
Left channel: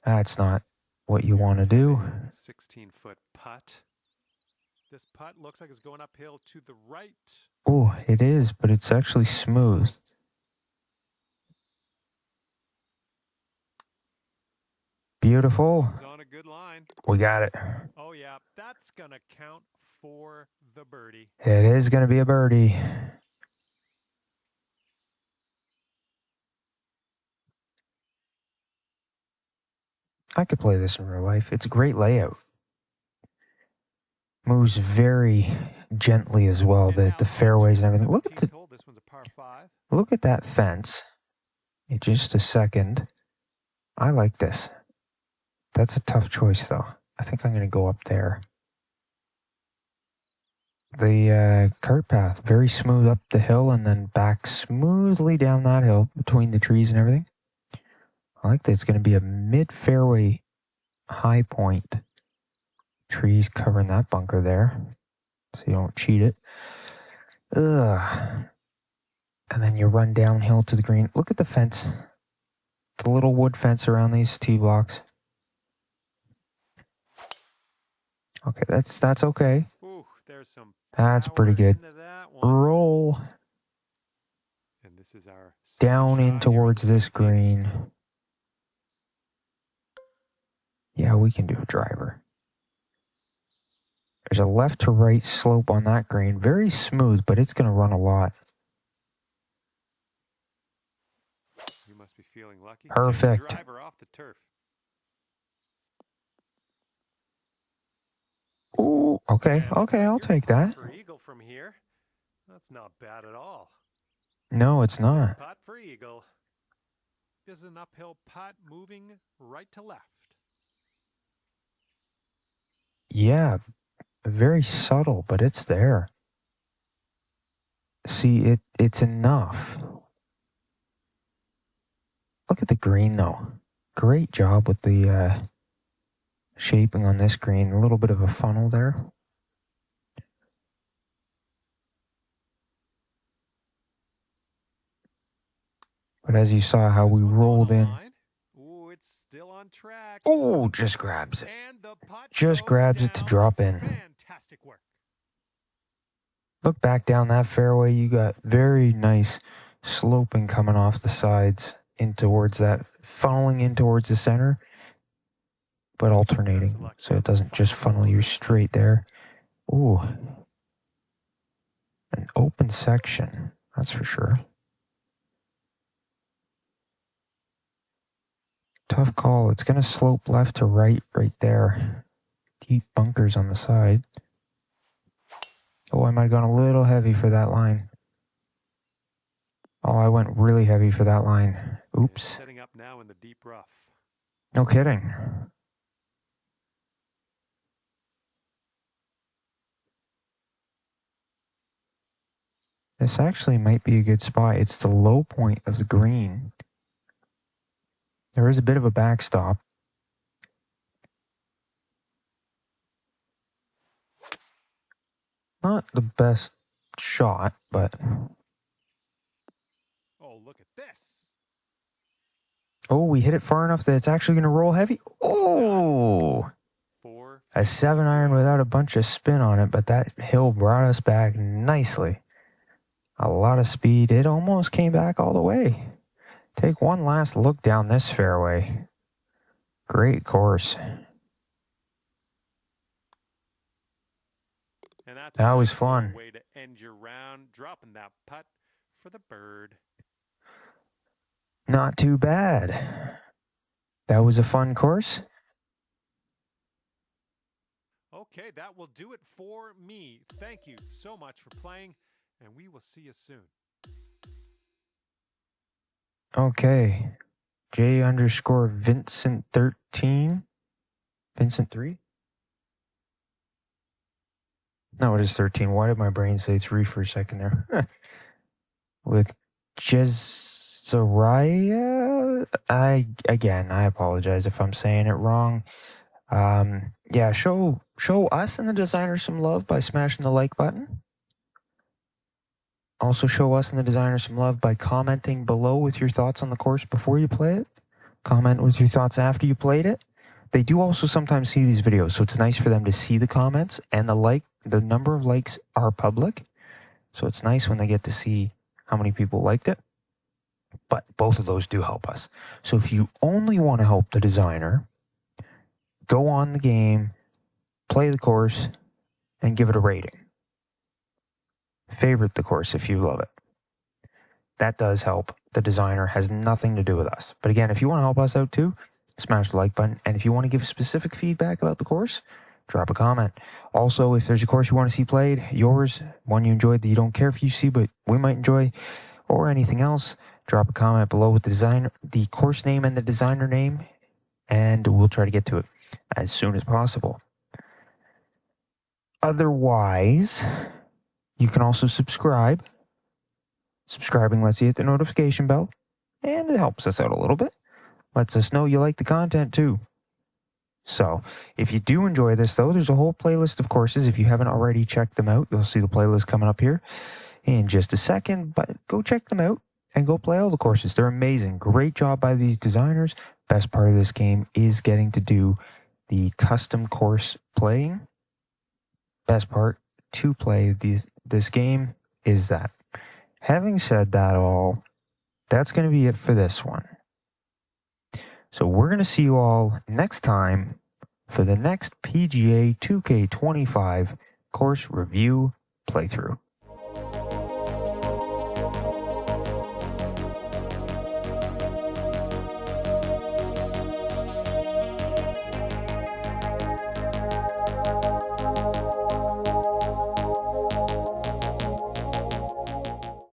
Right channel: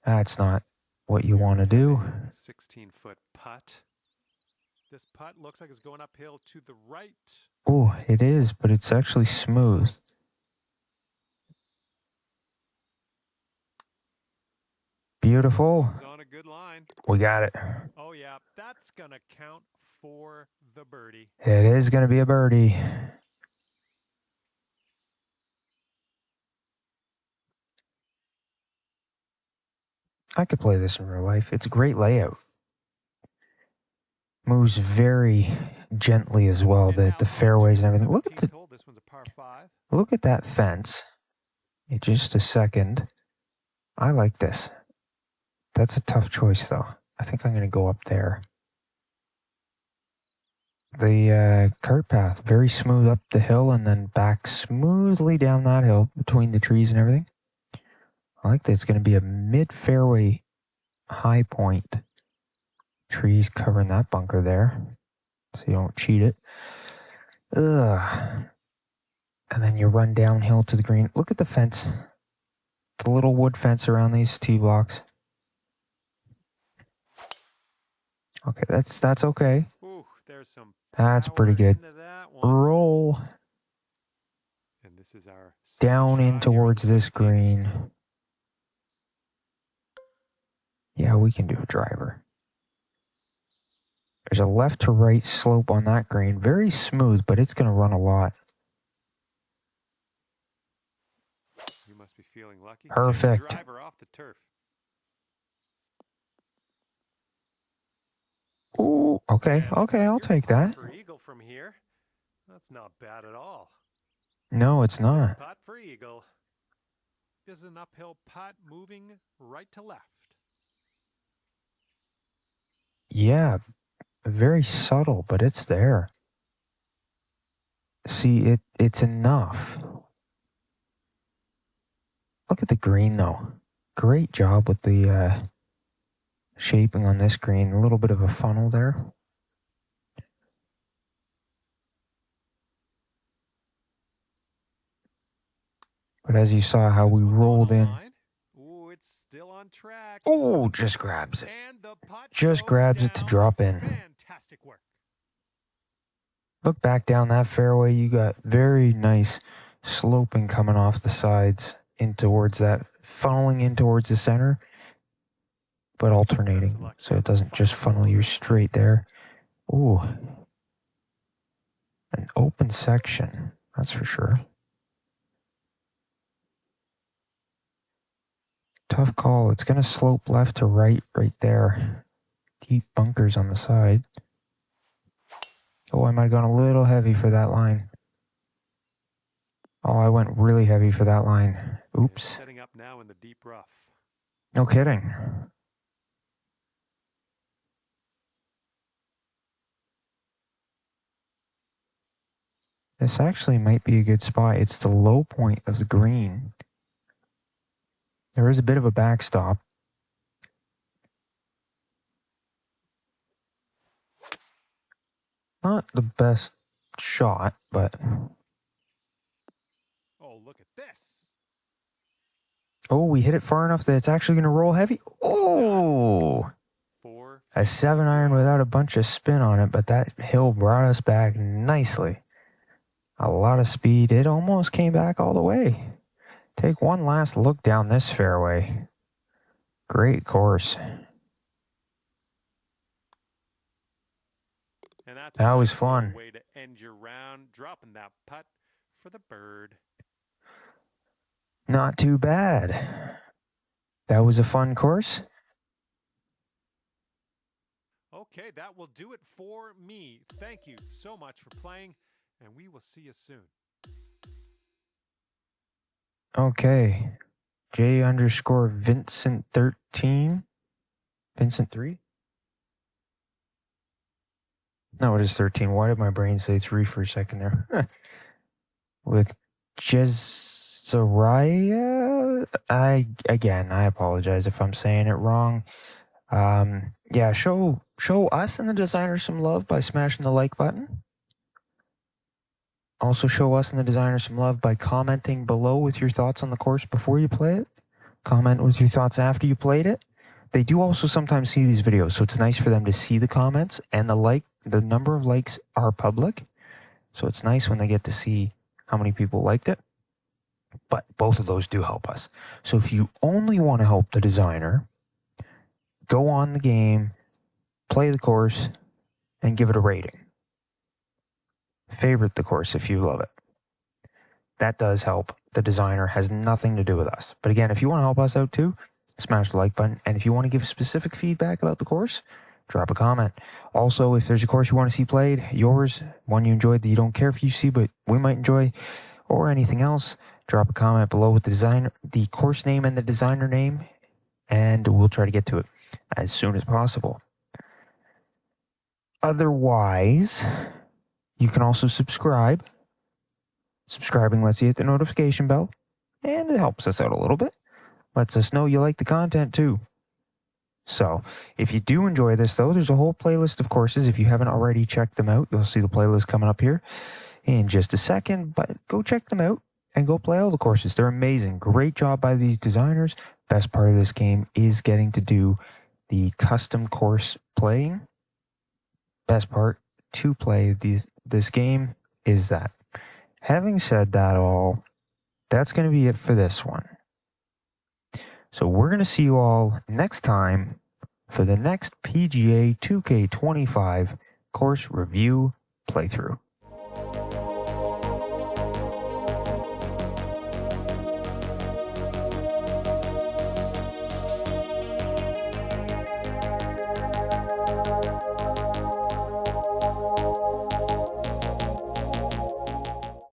That's not what you want to do. 16-foot putt. This putt looks like it's going uphill to the right. Oh, it is, but it's actually smooth. Beautiful. On a good line. We got it. Oh, yeah. That's going to count for the birdie. It is going to be a birdie. I could play this in real life. It's a great layout. Moves very gently as well. The fairways and everything. Look at this one's a par 5. Look at that fence. In just a second. I like this. That's a tough choice though. I think I'm going to go up there. The cart path, very smooth up the hill and then back smoothly down that hill between the trees and everything. I like that. It's going to be a mid-fairway high point. Trees covering that bunker there, so you don't cheat it. Ugh. And then you run downhill to the green. Look at the fence. The little wood fence around these tee blocks. Okay, that's okay. Ooh, there's some That's pretty good. Roll. And this is our down in towards this green. Yeah, we can do a driver. There's a left to right slope on that green. Very smooth, but it's going to run a lot. You must be feeling lucky. Perfect. Driver off the turf. Ooh, okay, okay, I'll take that. For eagle from here. That's not bad at all. No, it's not. Putt for eagle. This is an uphill putt moving right to left. Yeah, very subtle, but it's there. See, it's enough. Look at the green, though. Great job with the shaping on this green. A little bit of a funnel there. But as you saw how we rolled in. Ooh, it's still on track. Oh, just grabs it. And the putt just grabs it to drop in. Fantastic work. Look back down that fairway. You got very nice sloping coming off the sides in towards that, funneling in towards the center, but alternating. So it doesn't just funnel you straight there. Ooh. An open section, that's for sure. Tough call. It's going to slope left to right there. Deep bunkers on the side. Oh, I might have gone a little heavy for that line. Oh, I went really heavy for that line. Oops. Setting up now in the deep rough. No kidding. This actually might be a good spot. It's the low point of the green. There is a bit of a backstop. Not the best shot, but... Oh, look at this. Oh, we hit it far enough that it's actually going to roll heavy. Oh! 4 A 7-iron without a bunch of spin on it, but that hill brought us back nicely. A lot of speed. It almost came back all the way. Take one last look down this fairway. Great course. And that's That a was nice fun. little way to end your round, dropping that putt for the bird. Not too bad. That was a fun course. Okay, that will do it for me. Thank you so much for playing, and we will see you soon. Okay. J_Vincent13. Vincent 3? No, it is 13. Why did my brain say 3 for a second there? With Jeziora. I apologize if I'm saying it wrong. Yeah, show us and the designer some love by smashing the like button. Also show us and the designer some love by commenting below with your thoughts on the course before you play it. Comment with your thoughts after you played it. They do also sometimes see these videos, so it's nice for them to see the comments, and the number of likes are public. So it's nice when they get to see how many people liked it. But both of those do help us. So if you only want to help the designer, go on the game, play the course, and give it a rating. Favorite the course if you love it. That does help. The designer has nothing to do with us. But again, if you want to help us out too, smash the like button. And if you want to give specific feedback about the course, drop a comment. Also, if there's a course you want to see played, yours, one you enjoyed that you don't care if you see, but we might enjoy, or anything else, drop a comment below with the course name and the designer name, and we'll try to get to it as soon as possible. Otherwise, you can also subscribe. Subscribing lets you hit the notification bell, and it helps us out a little bit. Lets us know you like the content too. So, if you do enjoy this though, there's a whole playlist of courses. If you haven't already checked them out, you'll see the playlist coming up here in just a second, but go check them out and go play all the courses. They're amazing. Great job by these designers. Best part of this game is getting to do the custom course playing. Best part to play this game is that. Having said that all, that's going to be it for this one. So we're going to see you all next time for the next PGA 2K25 course review playthrough.